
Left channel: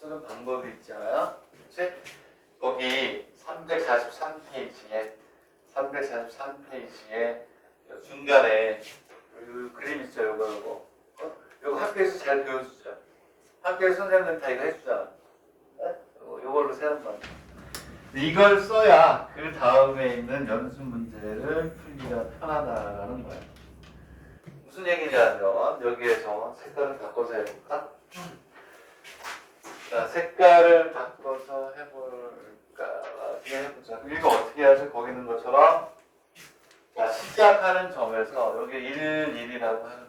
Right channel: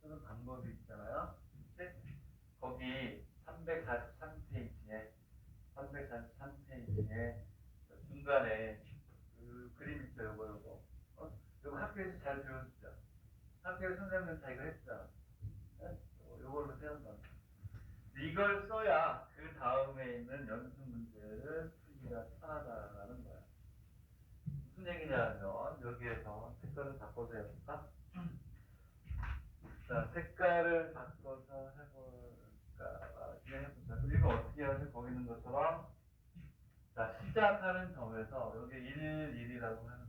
쓰는 방법이 있잖아요. 그치? 거기 343페이지에 중간에 그림 있죠. 요거 학교에서 잘 배워주죠. 학교에서 선생님들 다 이거 해주잖아. 요걸로 세는 거야. 이걸 써야 그 다음에 있는 연습 문제를 풀기가 편하다라는 거야. 무슨 얘기냐면 여기에서 색깔을 바꿔서 해볼까? 자, 색깔을 바꿔서 해볼까? 어떻게 해보자. 이거 어떻게 하죠? 거기 있는 것처럼 자, 시작하는 점에서 여기 1이라고 하는 거예요.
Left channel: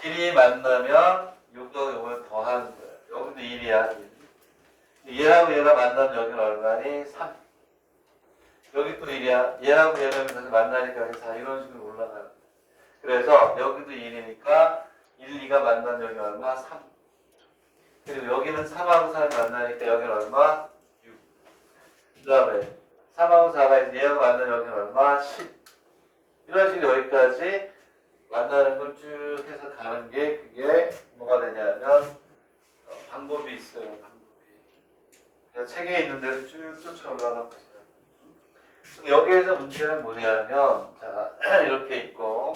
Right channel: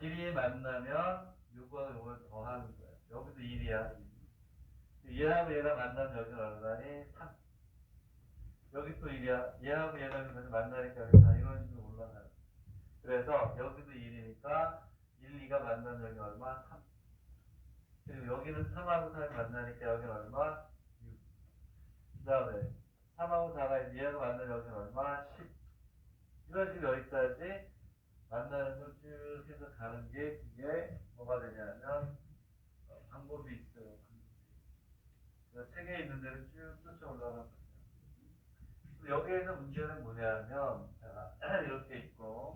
길이 만나면 요거를 더하는 거예요. 여기도 1이야. 1. 얘하고 얘가 만나면 여기는 얼마니? 3. 여기 또 1이야. 얘하고 얘가 여기서 만나니까 여기 4. 이런 식으로 올라가는 거예요. 그래서 여기도 1이니까 1, 2가 만나면 여기 얼마? 3. 그리고 여기는 3하고 4가 만나니까 여기는 얼마? 6. 그 다음에 3하고 4가 얘하고 만나면 여기는 얼마? 10. 이런 식으로 여기까지 만나는 걸 쭉 해서 가는 게 그게 뭐가 되냐면 방법이 있어요. 방법이. 책에 있는 대로 쭉 쫓아 올라가는 거죠. 여기에서 문제는 뭐냐면 자 이렇게 있고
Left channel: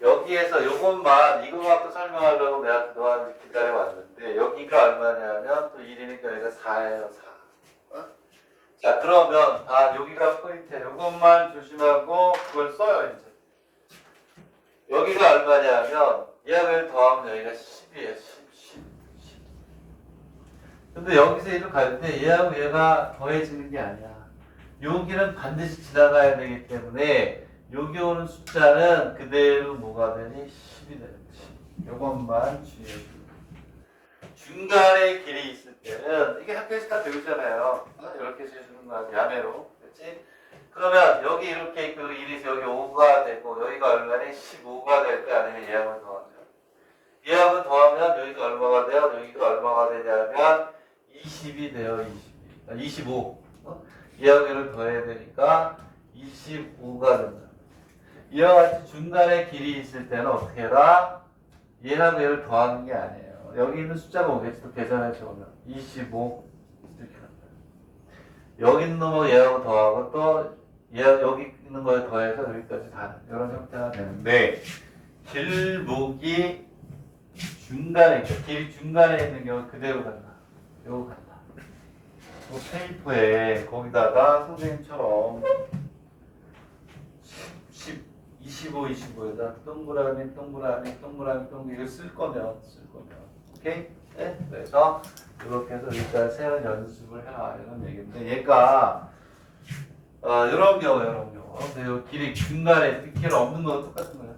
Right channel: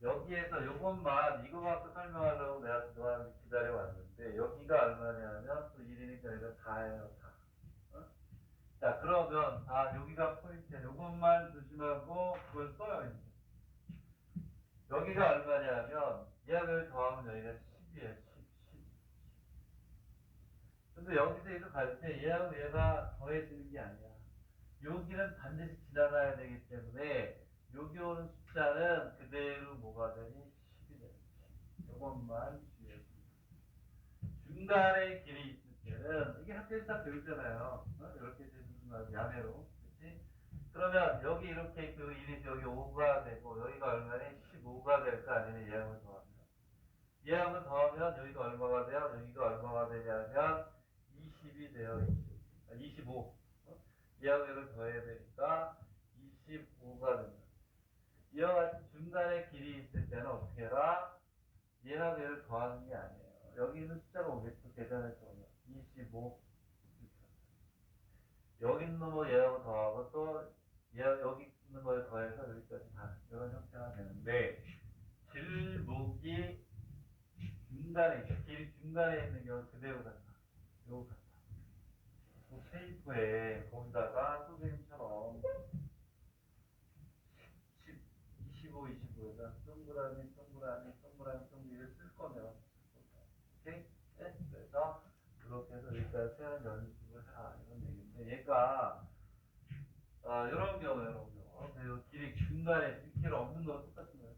여기에서 요것만 이거 갖고 설명하려고 내가 그동안 기다려 왔는데 여기가 얼마냐면 또 1이니까 여기가 4예요. 4. 자 그러면 여기가 포인트야. 요것만 조심하고 그걸 써요. 이제 여기가 얼마냐면 얘를 더하면 여기가 10이에요. 10. 근데 여기서 얘를 갈 때 얘하고 얘가 더해지는 게 아니야. 여기는 반드시 지나가야 되기 때문에 여기 오는 숫자는 그대로 뭐가 되니? 10이 되는 거지. 요것만 주의해 주고. 중간에 길이 있을 때는 이게 학교에서 다 배우잖아요. 이렇게 해주는 거 야매로. 그렇지? 그러면 여기 이렇게 그 1에서 여기 5가 되고 여기가 얼마니? 15가 될까? 아니면 얘하고 더하면? 얘하고 더하면 여기가 얼마가 돼요? 여기가 얼마가 되냐면 20이 돼요. 25. 얘하고 얘를 더해야 되니까 25가 된다. 이와 같이 중간에 길이 있을 때는 어떻게 해라? 얘하고 얘를 더하는 게 아니에요. 여기 있는 숫자가 오겠지. 또 계산해서 오면 25 이렇게 간다. 여기 있는 놈하고 얘하고 더하고 또 여기 있는 거에 더해서 여기까지 가는 이런 형태가 되는데 길목이 중간에 있죠. 길이 중간에 있는 경우 그대로 간다. 요거 간다. 그 페이퍼에 거기다가 선생님처럼 10, 25, 25에다 동그라미 이걸 쓸 거면 오케이? 네? 그래서 이렇게 해서 일단 세는 연습을 해라 이런 얘기인데 얘가 이런 경우 근데 요 길이 중간에 길 없는 거 똑같은 거야.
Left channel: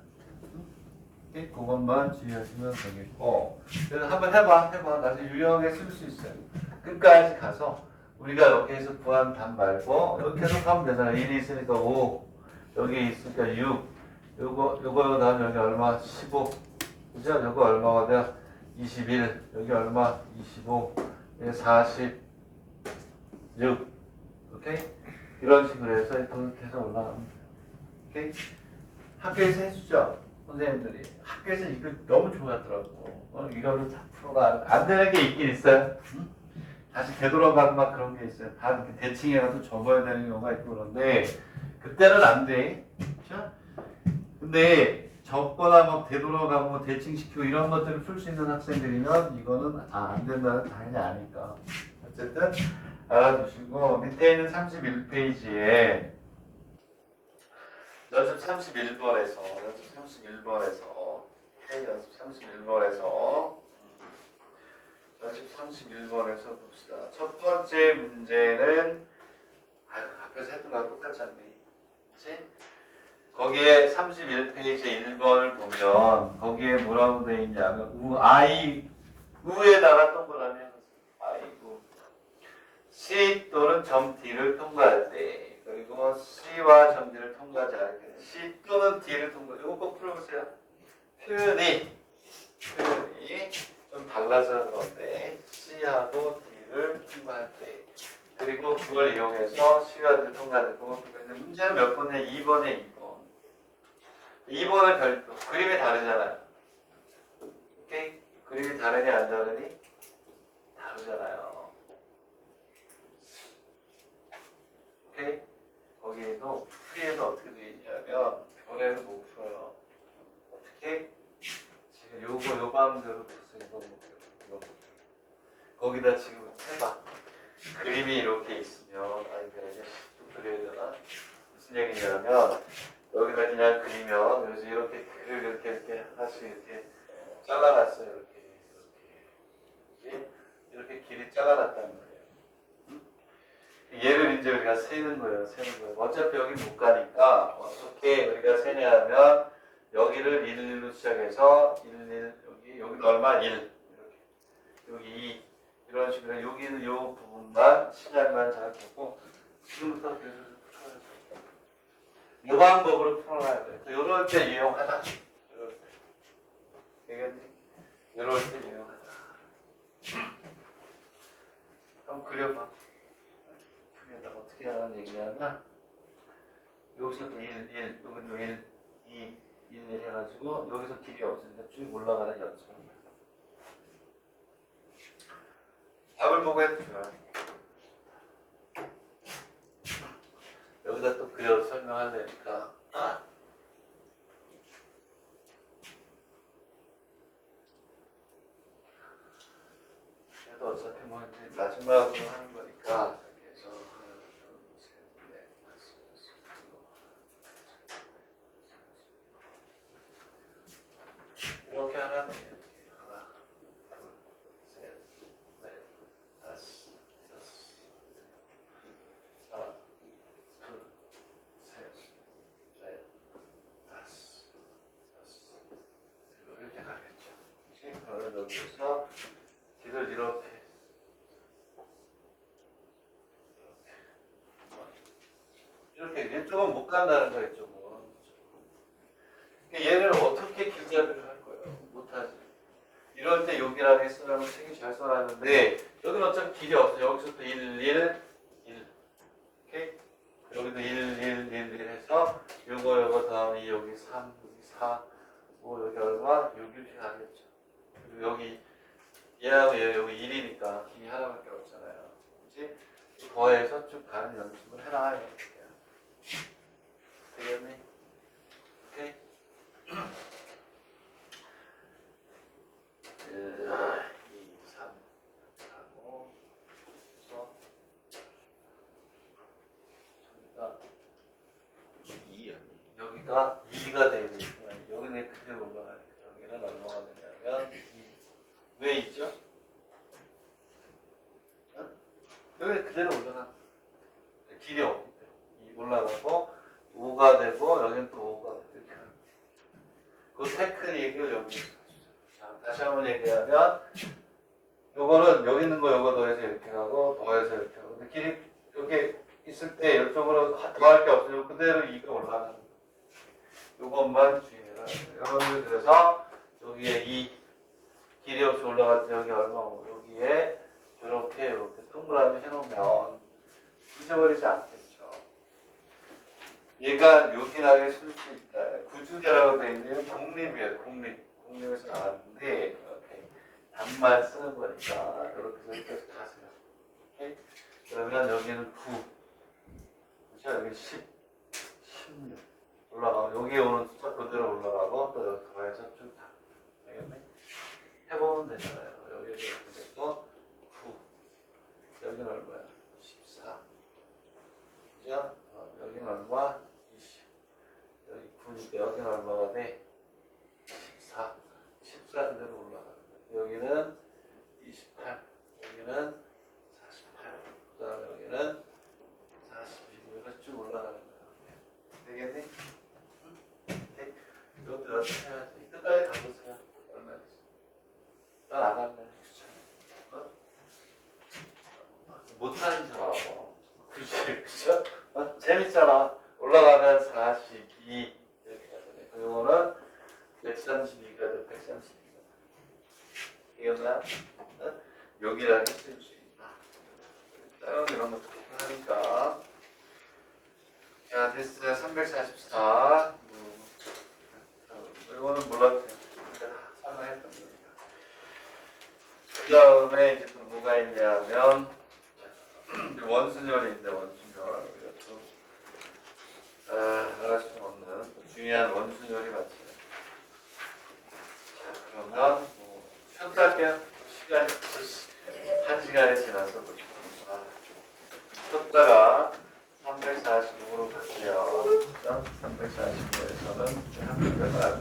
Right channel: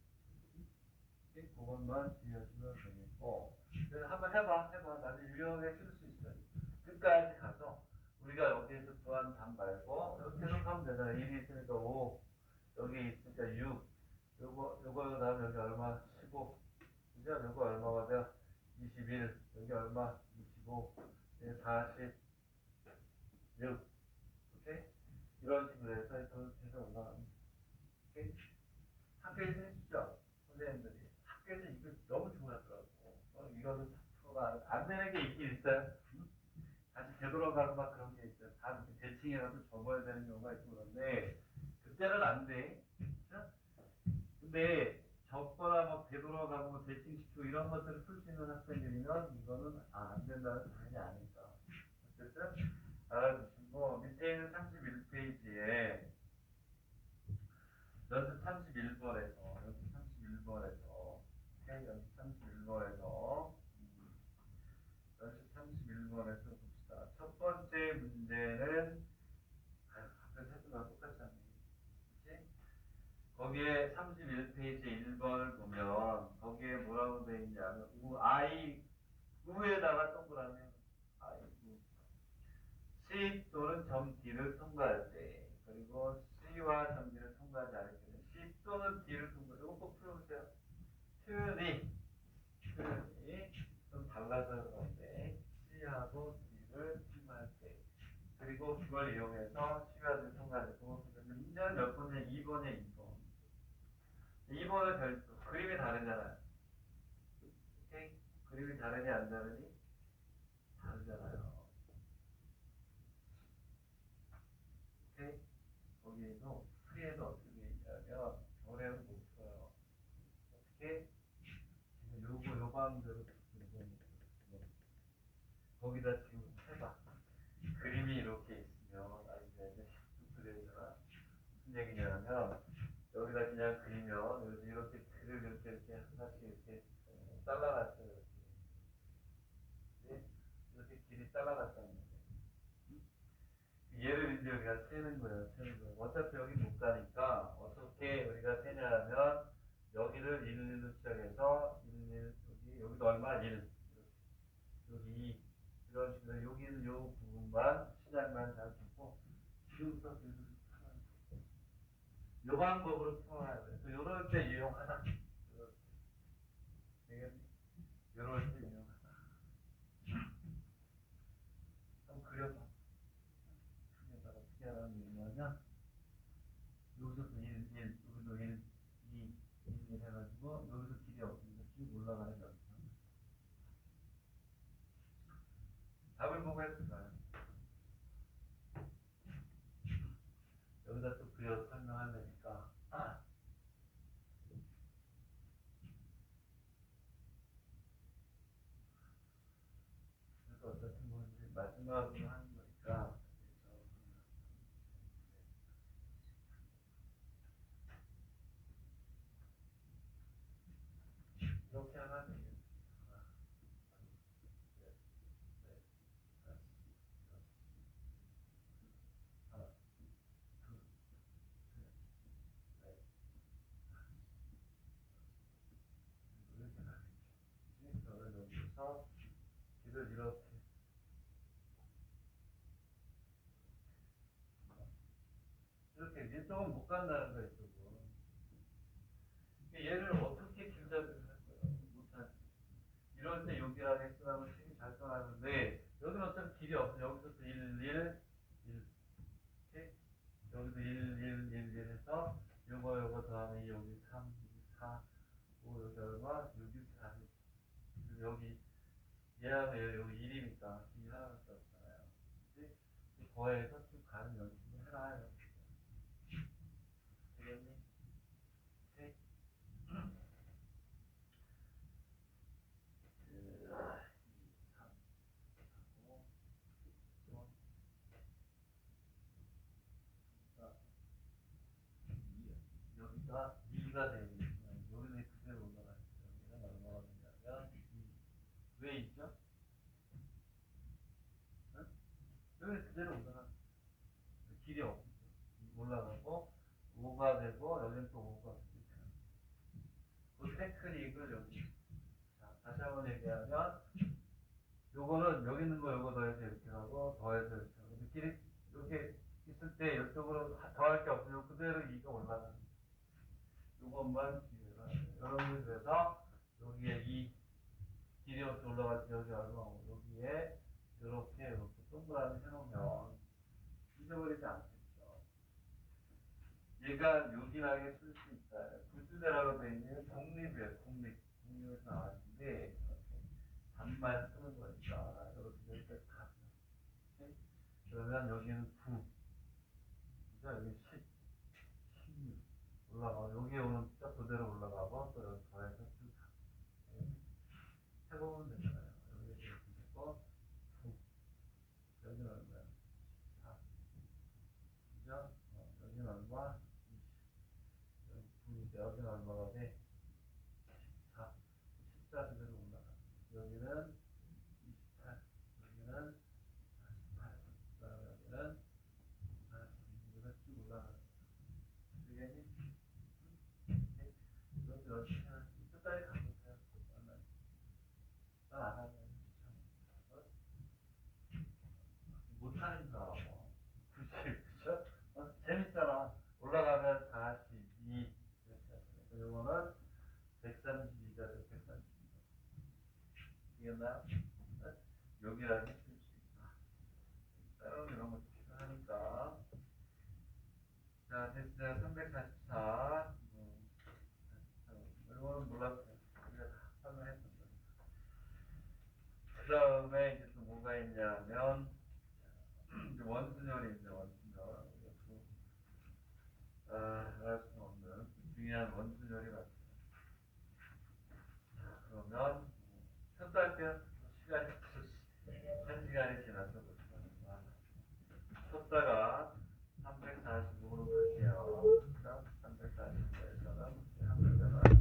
오케이? 그것만 주의하시면 되겠고 그래서 한번 해봐 나중에 유형에 쓸 수 있어요. 끝까지 가서 우리가 여기에서 구한 답 말고 이렇게 계속 하면 되잖아. 1이 있으니까 5 여기 있으니까 6 요거 다음에 여기 얼마? 15 그죠? 요거 얼마가 돼? 21 여기 얼마? 25 여기 46 오케이? 이런 식으로 해서 이렇게 해서 올라가면 돼요. 오케이? 학교에서 해주죠? 선생님들이 학교에서 이거 너무 좋아하더라고. 이거를 다 풀어라. 안 되는 게 있긴 있어요. 응? 다시 되돌아가는 막 그런 게 있어요. 다 이렇게 대칭해가지고 접어야 되는 경우가 있고 그런데 그때는 안 돼. 그렇죠? 근데 접거나 막 되돌아가고 뭐 대칭시키고 이런 것들을 풀 수 있는 학생들이면 이거는 안 된다는 당연히 아니까. 어쨌든 알아두시고 밑에 있는 31페이지에 연습 31번에서 연습 31번에서 봅시다. 첫 번째 문제는 앞에서 했던 거랑 똑같지 않니? 그치? 거기에 31페이지 1번을 보면 거기에 뭐라고 되어 있냐면 우에다가 동그라미 u C 또는 점 D를 통과할 때 그리고 C와 점 D를 통과하지 않을 때 C 또는 D를 통과 이거 꼭 풀어보세요. 표현이 좀 달라서 그런데 C하고 D를 통과할 때 그리고 그걸 이용해서 C와 D를 통과할 때 문제는 몇 번에 2번에 2번은 별도 그림이 다르잖아요. 오케이? 그림이 다르니 안 다르니? 다르잖아요. 오케이? 거기에도 풀이에도 어떻게 되어 있냐면 별에는 못 풀어요. 어떻게? 지금 요 방대로 푸세요. 이거. 거기다 지금 해봐. 그림이 이렇게 있으면 별에게 또 그려야 되나? 무슨 얘기냐면 여기다 그냥 그리면 그래서 이렇게 글을 이렇게 하나씩 이렇게 잘라놨어요. 이렇게 길이 잘라놨다는 거예요. 얘를 이제 우리가 세는 거예요. 어차피 여기 못 가니까 어떻게 우리가 세냐면 여기를 1로 시작해서 1 여기도 얼마? 1 이렇게 여기 2 이런 식으로 여기는 요 부분만 시작만 잘 보고 지금부터 계속 이 방법으로 풀어놔야 돼. 이럴 때 유용하다. 되겠니? 이럴 때 유용하다. 한번 그려봐. 그려다가 어떻게 하는 얘기냐면 여기서 1, 여기도 1, 2, 1 해가지고 여기서 길이 없으니까 쭉 올라가는 연습을 합니다. 답을 보고 해도 좋아요. 여기다 또 그려 설명하려니까 그래도 어차피 뭐 이제 마지막으로 하는 거니까 그래서 하나, 둘, 셋, 넷, 다섯, 여섯, 이렇게 하면 돼요. 하나, 둘, 셋, 넷, 다섯, 여섯, 하나, 둘, 셋, 넷, 다섯, 여섯, 이렇게 가겠죠. 이제 그걸 여기서 길을 이렇게 간다는 거 있죠. 뭐. 얘를 어떻게 길잡이를 할 거예요? 못하지. 이럴 때 여기라는 쓰라고 책이 잘 써놨는데 여기는 어차피 길이 없어. 여기서부터 1, 1, 1. 오케이? 여기도 1, 1, 1, 1 해서 요거 다음에 여기 3, 여기 4, 5 여기 얼마? 6 이렇게 가겠죠. 그리고 여기 얘하고 얘 여기 1이니까 길이 하나밖에 없잖아요. 그치? 더해서 쭉 가는 연습을 해라. 되겠니? 오케이? 1, 2, 3 하고 그래서 여기가 2가 되고 여기는 그대로 올라가니까 여기는 얼마가 되냐면 2. 왜 2죠? 어? 여기 그대로 올라가. 길이 없기 때문에 올라가고 5가 되고 여기는 또 5가 되고 이렇게 하는 거예요. 그 테크닉을 여기. 자, 다시 한번 얘기하면 요거는 여기 있는 거 요거 더해서 이렇게 하고 더해서 이렇게 하고 근데 길이 여기 있을 때 이쪽으로 더할 게 없어요. 그대로 2가 올라가는 거예요. 요것만 주의해라. 여러분들 그래서 여기에 2 길이 없이 올라갈 때 여기 얼마고 여기에 이렇게 동그라미 해놓으면 잊어버리지 않겠죠. 얘가 요긴하게 쓸 수 있다. 구주제라고 되어 있는 공립이에요. 공립에서 나왔는데 이렇게 답만 쓰는 거니까 이렇게 해서 여기까지 다 써요. 오케이? 그러면 여기는 9 그렇죠? 여기 10 16 올라가고 여기 오는 숫자 그대로 올라가고 또 여기 더해서 쭉 다. 알겠네? 해보면 되잖아요. 여기에서 이렇게 됐고 9 여기는 얼마야? 14 그죠? 여기는 얼마? 20 여기 9니까 여기는 얼마가 돼? 14 14 그대로 올라가는 거야. 여기는 28 여기는 48 그 다음에 여기는 42 여기서 쭉 올라가는 거야. 되겠니? 네. 이것도 연습해야지. 끝까지 가보세요. 얼마 있어? 난안 할래. 어? 못하는 줄 알아. 그치, 그죠? 재밌잖아. 올라가면 42 이렇게 가잖아요. 그리고는 132가 돼, 132가. 이겼나? 어? 여기랑 했을 수 있다. 다른 이런 것도 하니까. 자, 됐어요. 344. 이거는 몰랐어요. 설명했던 거니까. 그 다음에 이제 또 뭐가 있냐면, 원순열이 있는데, 원순열. 알 수 없는 중요한 원순열이